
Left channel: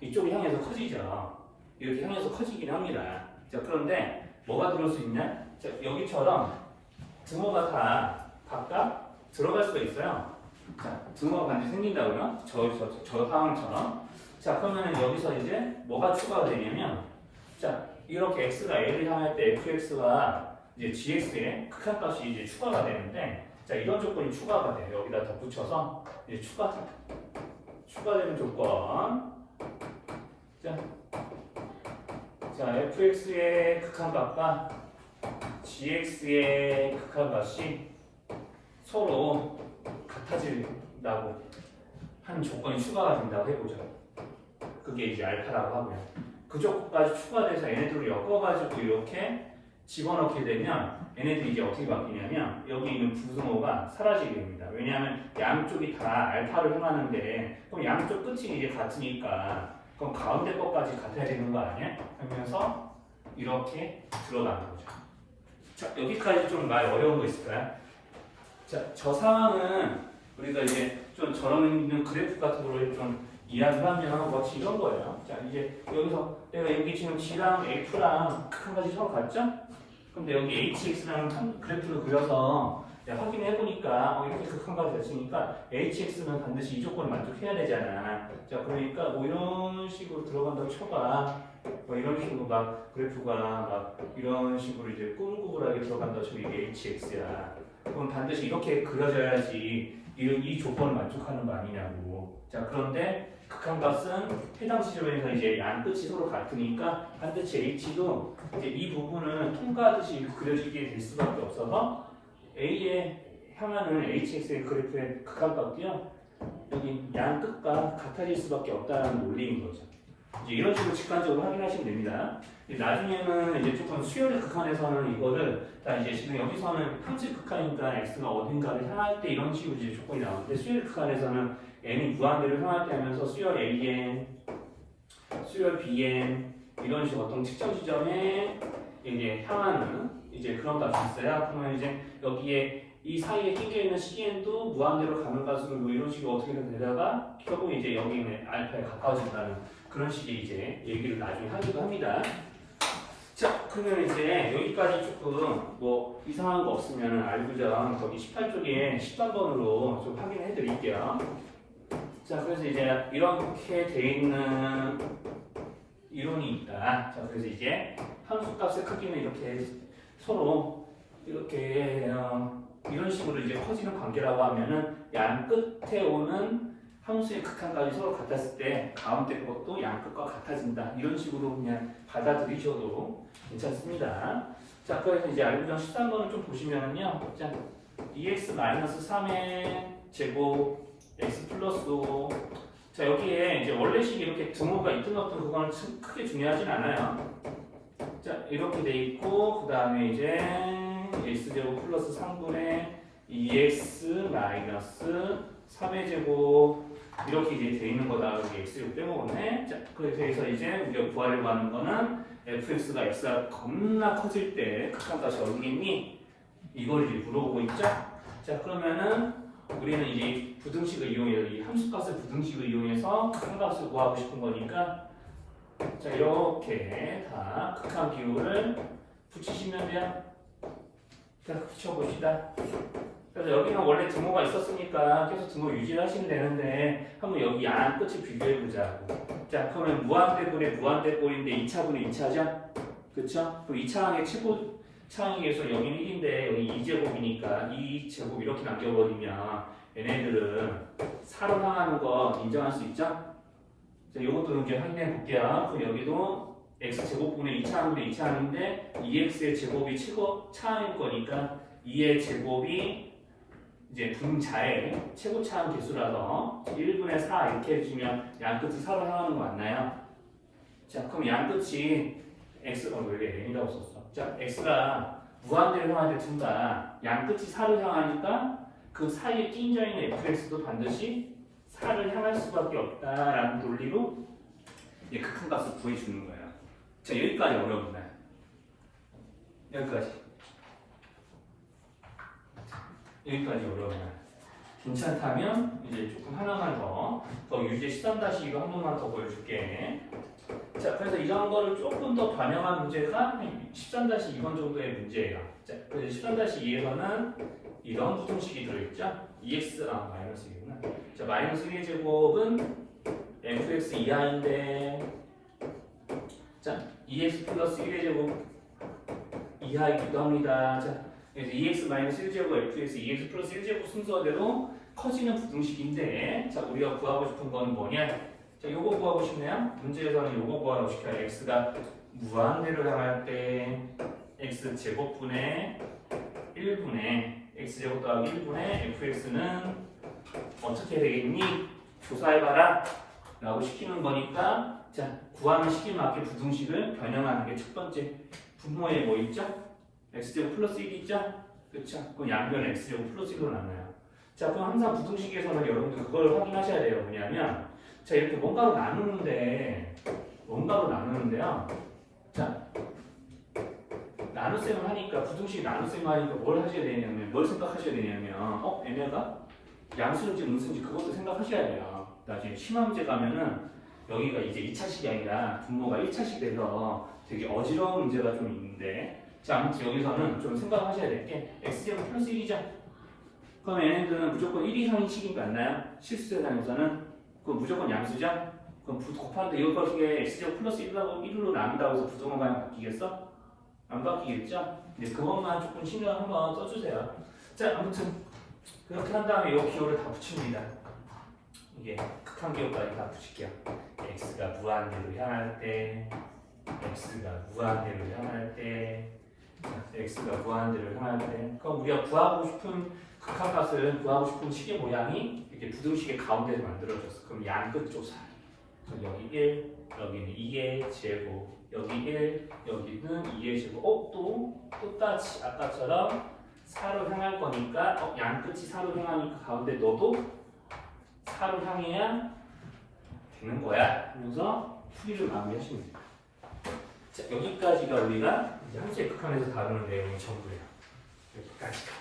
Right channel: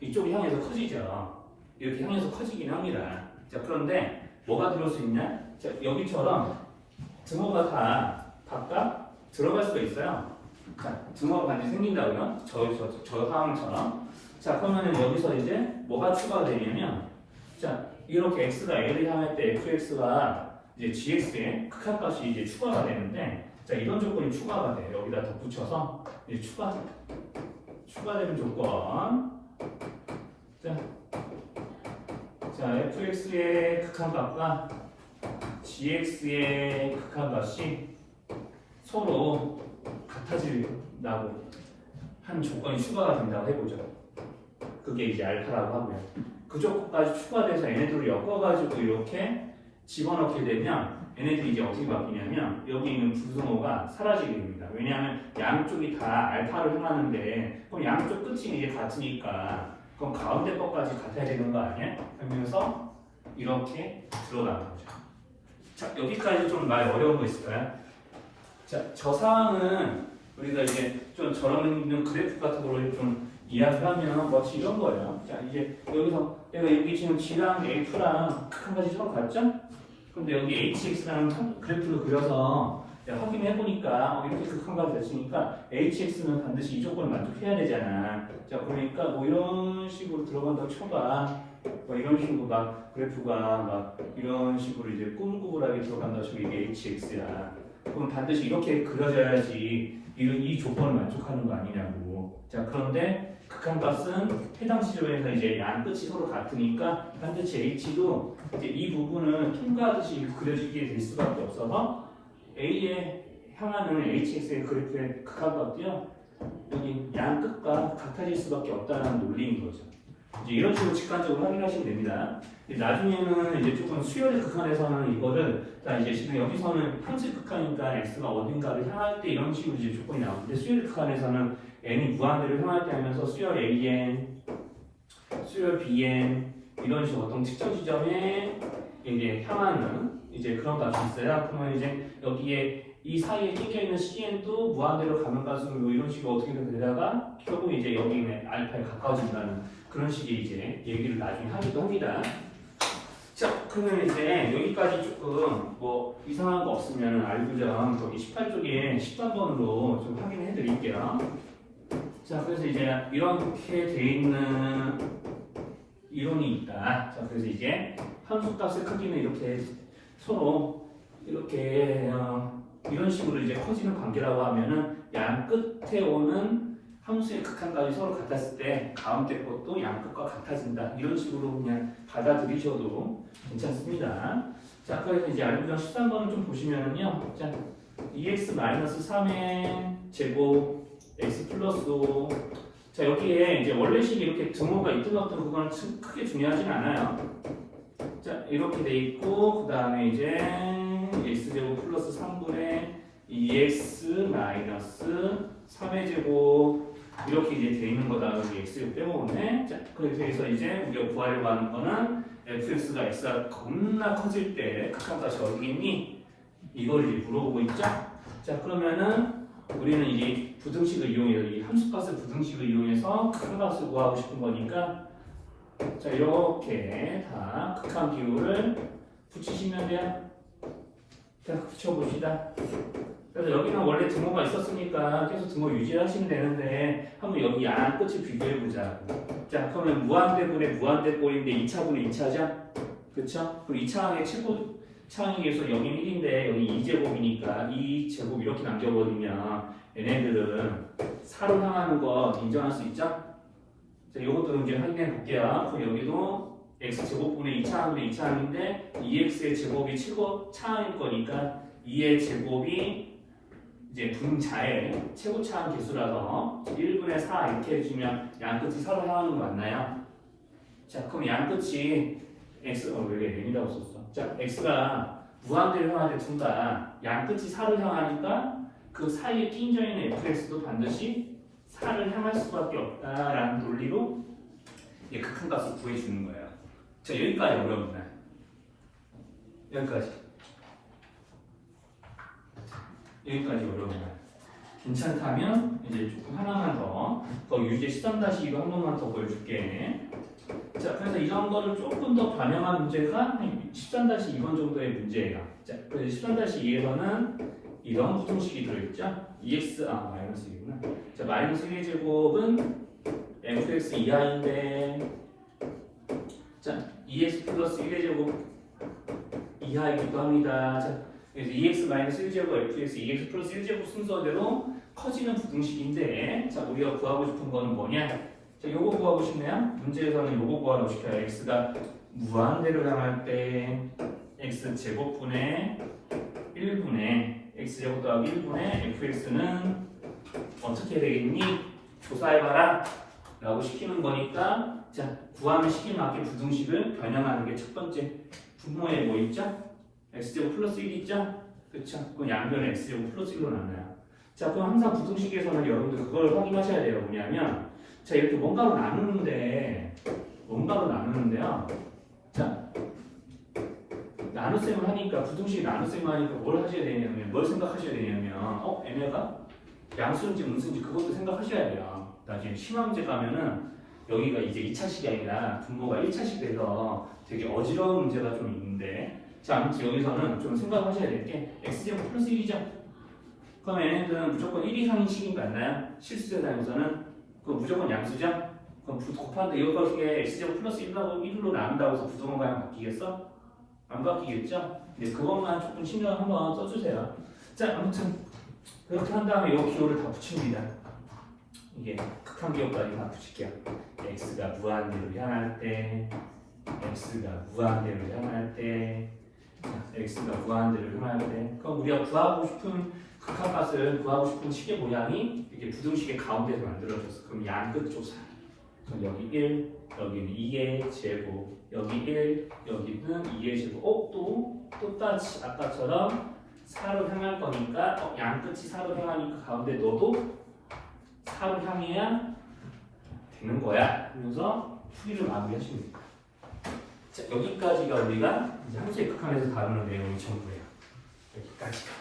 이쪽이 향해서 커지죠. 이렇게 향해서 커지긴 합니다. 자, 그런데 뭐가 들어올 수 있냐? 자, 여기처럼 등호가 다 각각 들어갈 수가 있어요. 자, 등호가 반드시 생긴다고요? 저 상황처럼. 자, 그러면 여기서 이제 뭐가 추가가 되냐면, 자, 이렇게 x가 a를 향할 때 fx가 이제 gx의 극한값이 이제 추가가 되는데, 자, 이런 조건이 추가가 돼요. 여기다 덧붙여서 이제 추가되는 조건. 자, fx의 극한값과 gx의 극한값이 서로 같아진다고 하는 조건이 추가가 된다고 해보죠. 그게 이제 알파라고 하고요. 그 조건까지 추가돼서 얘네들을 엮어가지고 이렇게 집어넣게 되면 얘네들이 이제 어떻게 바뀌냐면 여기 있는 부등호가 사라지게 됩니다. 왜냐하면 양쪽이 다 알파를 향하는데 그럼 양쪽 끝이 이제 같으니까 그럼 가운데 것까지 같아야 되는 거 아니에요? 그러면서 이렇게 들어가는 거죠. 자, 여기까지 좀 많이 어려운 거 있을까요? 자, 저 상황은 우리가 이제 좀 저런 있는 그래프 같은 거를 좀 이야기하면 마치 이런 거예요. 자, 이제 여기서 내가 여기 지금 G랑 F랑 한 가지 서로 같죠? 근데 여기 HX라는 그래프를 그려서 확인해 보니까 이렇게 극한 값이 됐으니까 HX는 반드시 이 조건을 만족해야 되잖아. 자, 그러니까 뭐 이런 식으로 들어간다고 쳐봐. 뭐 이런 식으로 막 그래프가 막 이런 식으로 이제 꾸불꾸불하게 들어간다고 쳐 이게 HX야. 그럼 반드시 이렇게 그려져야지 이 조건을 만족하는 거 아니냐고. 자, 그런데 극한값은 해당 시점에서 이제 양 끝이 서로 같으니까 반드시 H도 이제 이 부분은 통과하듯이 그려지게 될 수밖에 없어서 A에 향하는 HX의 그래프의 극한값도요 여기 양 끝과 같아질 수밖에 없다는 논리인 거죠. 이제 이런 식으로 직관적으로 확인하시면 됩니다. 나중에는 이제 조금 수열 극한에서는 이거를 자 이제 지금 여기서는 함수 극한이니까 x가 어딘가를 향할 때 이런 식으로 이제 조건이 나오는데 수열 극한에서는 n이 무한대로 향할 때 하면서 수열 an, 수열 bn 이런 식으로 어떤 특정 지점에 이제 향하는 이제 그런 값이 있어요. 그러면 이제 여기에 이 사이에 낀겨 있는 cn도 무한대로 가는 값으로 뭐 이런 식으로 어떻게든 되다가 결국 이제 여기 있는 알파에 가까워진다는 그런 식의 이제 얘기를 나중에 하기도 합니다. 자, 그러면 이제 여기까지 조금 뭐 이상한 거 없으면 알고전 거기 18쪽에 13번으로 좀 확인해 드릴게요. 자, 그래서 이제 이렇게 돼 있는 이론이 있다. 자, 그래서 이제 함수값의 크기는 이렇게 서로 이렇게 이런 식으로 이제 커지는 관계라고 하면은 양 끝에 오는 함수의 극한까지 서로 같았을 때 가운데 것도 양 끝과 같아진다. 이런 식으로 그냥 받아들이셔도 괜찮습니다. 자, 그래서 이제 알고전 13번을 좀 보시면은요. 자, 2x-3의 제곱 x 플러스 5. 자, 여기에 이제 원래식 이렇게 등호가 있든 없든 그거는 크게 중요하진 않아요. 자, 이렇게 돼 있고 그 다음에 이제 x제곱 플러스 3분의 2x 마이너스 3의 제곱 이렇게 이제 돼 있는 거다. 여기 x를 빼먹었네. 자, 그렇게 해서 이제 우리가 구하려고 하는 거는 fx가 x가 겁나 커질 때 극한값이 어디겠니? 이걸 이제 물어보고 있죠. 자, 그러면은 우리는 이제 부등식을 이용해서 이 함수값을 부등식을 이용해서 극한값을 구하고 싶은 거니까 자, 이렇게 다 극한 기호를 붙이시면 돼요. 자, 붙여봅시다. 그래서 여기는 원래 등호가 있었으니까 계속 등호 유지하시면 되는데 한번 여기 양 끝을 비교해보자. 자, 그러면 무한대분의 무한대꼴인데 2차분의 2차죠? 그쵸? 그럼 2차항의 차항에 의해서 여기는 1인데 여기 2제곱이니까 2제곱 이렇게 남겨버리면 얘네들은 4로 향하는 거 인정할 수 있죠? 자, 이것도 이제 확인해 볼게요. 그럼 여기도 x제곱분의 2차항분의 2차항인데 2x의 제곱이 최고 차항일 거니까 2의 제곱이 이제 분자의 최고차함 개수라서 1분의 4 이렇게 해주면 양끝이 서로 향하는 거 맞나요? 자, 그럼 양끝이 x가 왜 이렇게 n이라고 썼어? 자, x가 무한대로 향할 때 둘 다 양끝이 4를 향하니까 그 사이에 끼인져 있는 fx도 반드시 4를 향할 수밖에 없다라는 논리로 이제 극한값을 구해주는 거예요. 자, 여기까지 어려운가요? 여기까지. 여기까지 어려워요. 괜찮다면 이제 조금 하나만 더 유제 13-2로 한 번만 더 보여줄게. 자, 그래서 이런 거를 조금 더 반영한 문제가 13-2번 정도의 문제예요. 자, 그래서 13-2에서는 이런 부등식이 들어있죠. 마이너스 2구나. 자, 마이너스 1의 제곱은 fx 이하인데, 자, 2x 플러스 1의 제곱 이하이기도 합니다. 자, 그래서 2x-1제곱 fx 2x 플러스 1제곱 순서대로 커지는 부등식인데, 자, 우리가 구하고 싶은 건 뭐냐? 자, 요거 구하고 싶네요. 문제에서는 요거 구하고 싶어요. x가 무한대로 향할 때 x제곱분의 1분의 x제곱 더하기 1분의 fx는 어떻게 되겠니? 조사해봐라 라고 시키는 거니까, 자, 구하는 시기에 맞게 부등식을 변형하는 게 첫 번째. 분모에 뭐 있죠? x제곱 플러스 1 있죠? 그쵸? 그럼 양변 x제곱 플러스 1로 나눠요. 자, 그럼 항상 부등식에서는 여러분들 그걸 확인하셔야 돼요. 뭐냐면, 자, 이렇게 뭔가로 나누는데요. 자, 나눗셈을 하니까, 부등식 나눗셈을 하니까 뭘 하셔야 되냐면, 뭘 생각하셔야 되냐면, 얘네가 양수인지 음수인지 그것도 생각하셔야 돼요. 나중에 심화 문제 가면은, 여기가 이제 2차식이 아니라 분모가 1차식돼서 되게 어지러운 문제가 좀 있는데, 자, 아무튼 여기서는 좀 생각하셔야 될 게 x제곱 플러스 1이죠. 그럼 얘네들은 무조건 1 이상인 식인 거 맞나요? 실수세상에서는 그 무조건 양수죠? 그럼 곱하는데 이것에 x제곱 플러스 1로 나눈다고 해서 부등호 방향 바뀌겠어? 안 바뀌겠죠? 네, 그것만 조금 신경 한번 써주세요. 자, 아무튼 그렇게 한 다음에 이 기호를 다 붙입니다. 이게 극한 기호까지 다 붙일게요. x가 무한대로 향할 때, x가 무한대로 향할 때, 그럼 우리가 구하고 싶은 극한값을 구하고 싶은 식의 모양이 이렇게 부등식의 가운데서 만들어졌어. 그럼 양끝 조사. 그럼 여기 1, 여기는 2의 제곱, 여기 1, 여기는 2의 제곱. 똑같이 아까처럼 4로 향할 거니까 양끝이 4로 향하니까 가운데 너도 4로 향해야 되는 거야. 그래서 풀이를 마무리하시면 됩니다. 자, 여기까지가 우리가 이제 함수의 극한에서 다루는 내용이 전부예요. 여기까지가.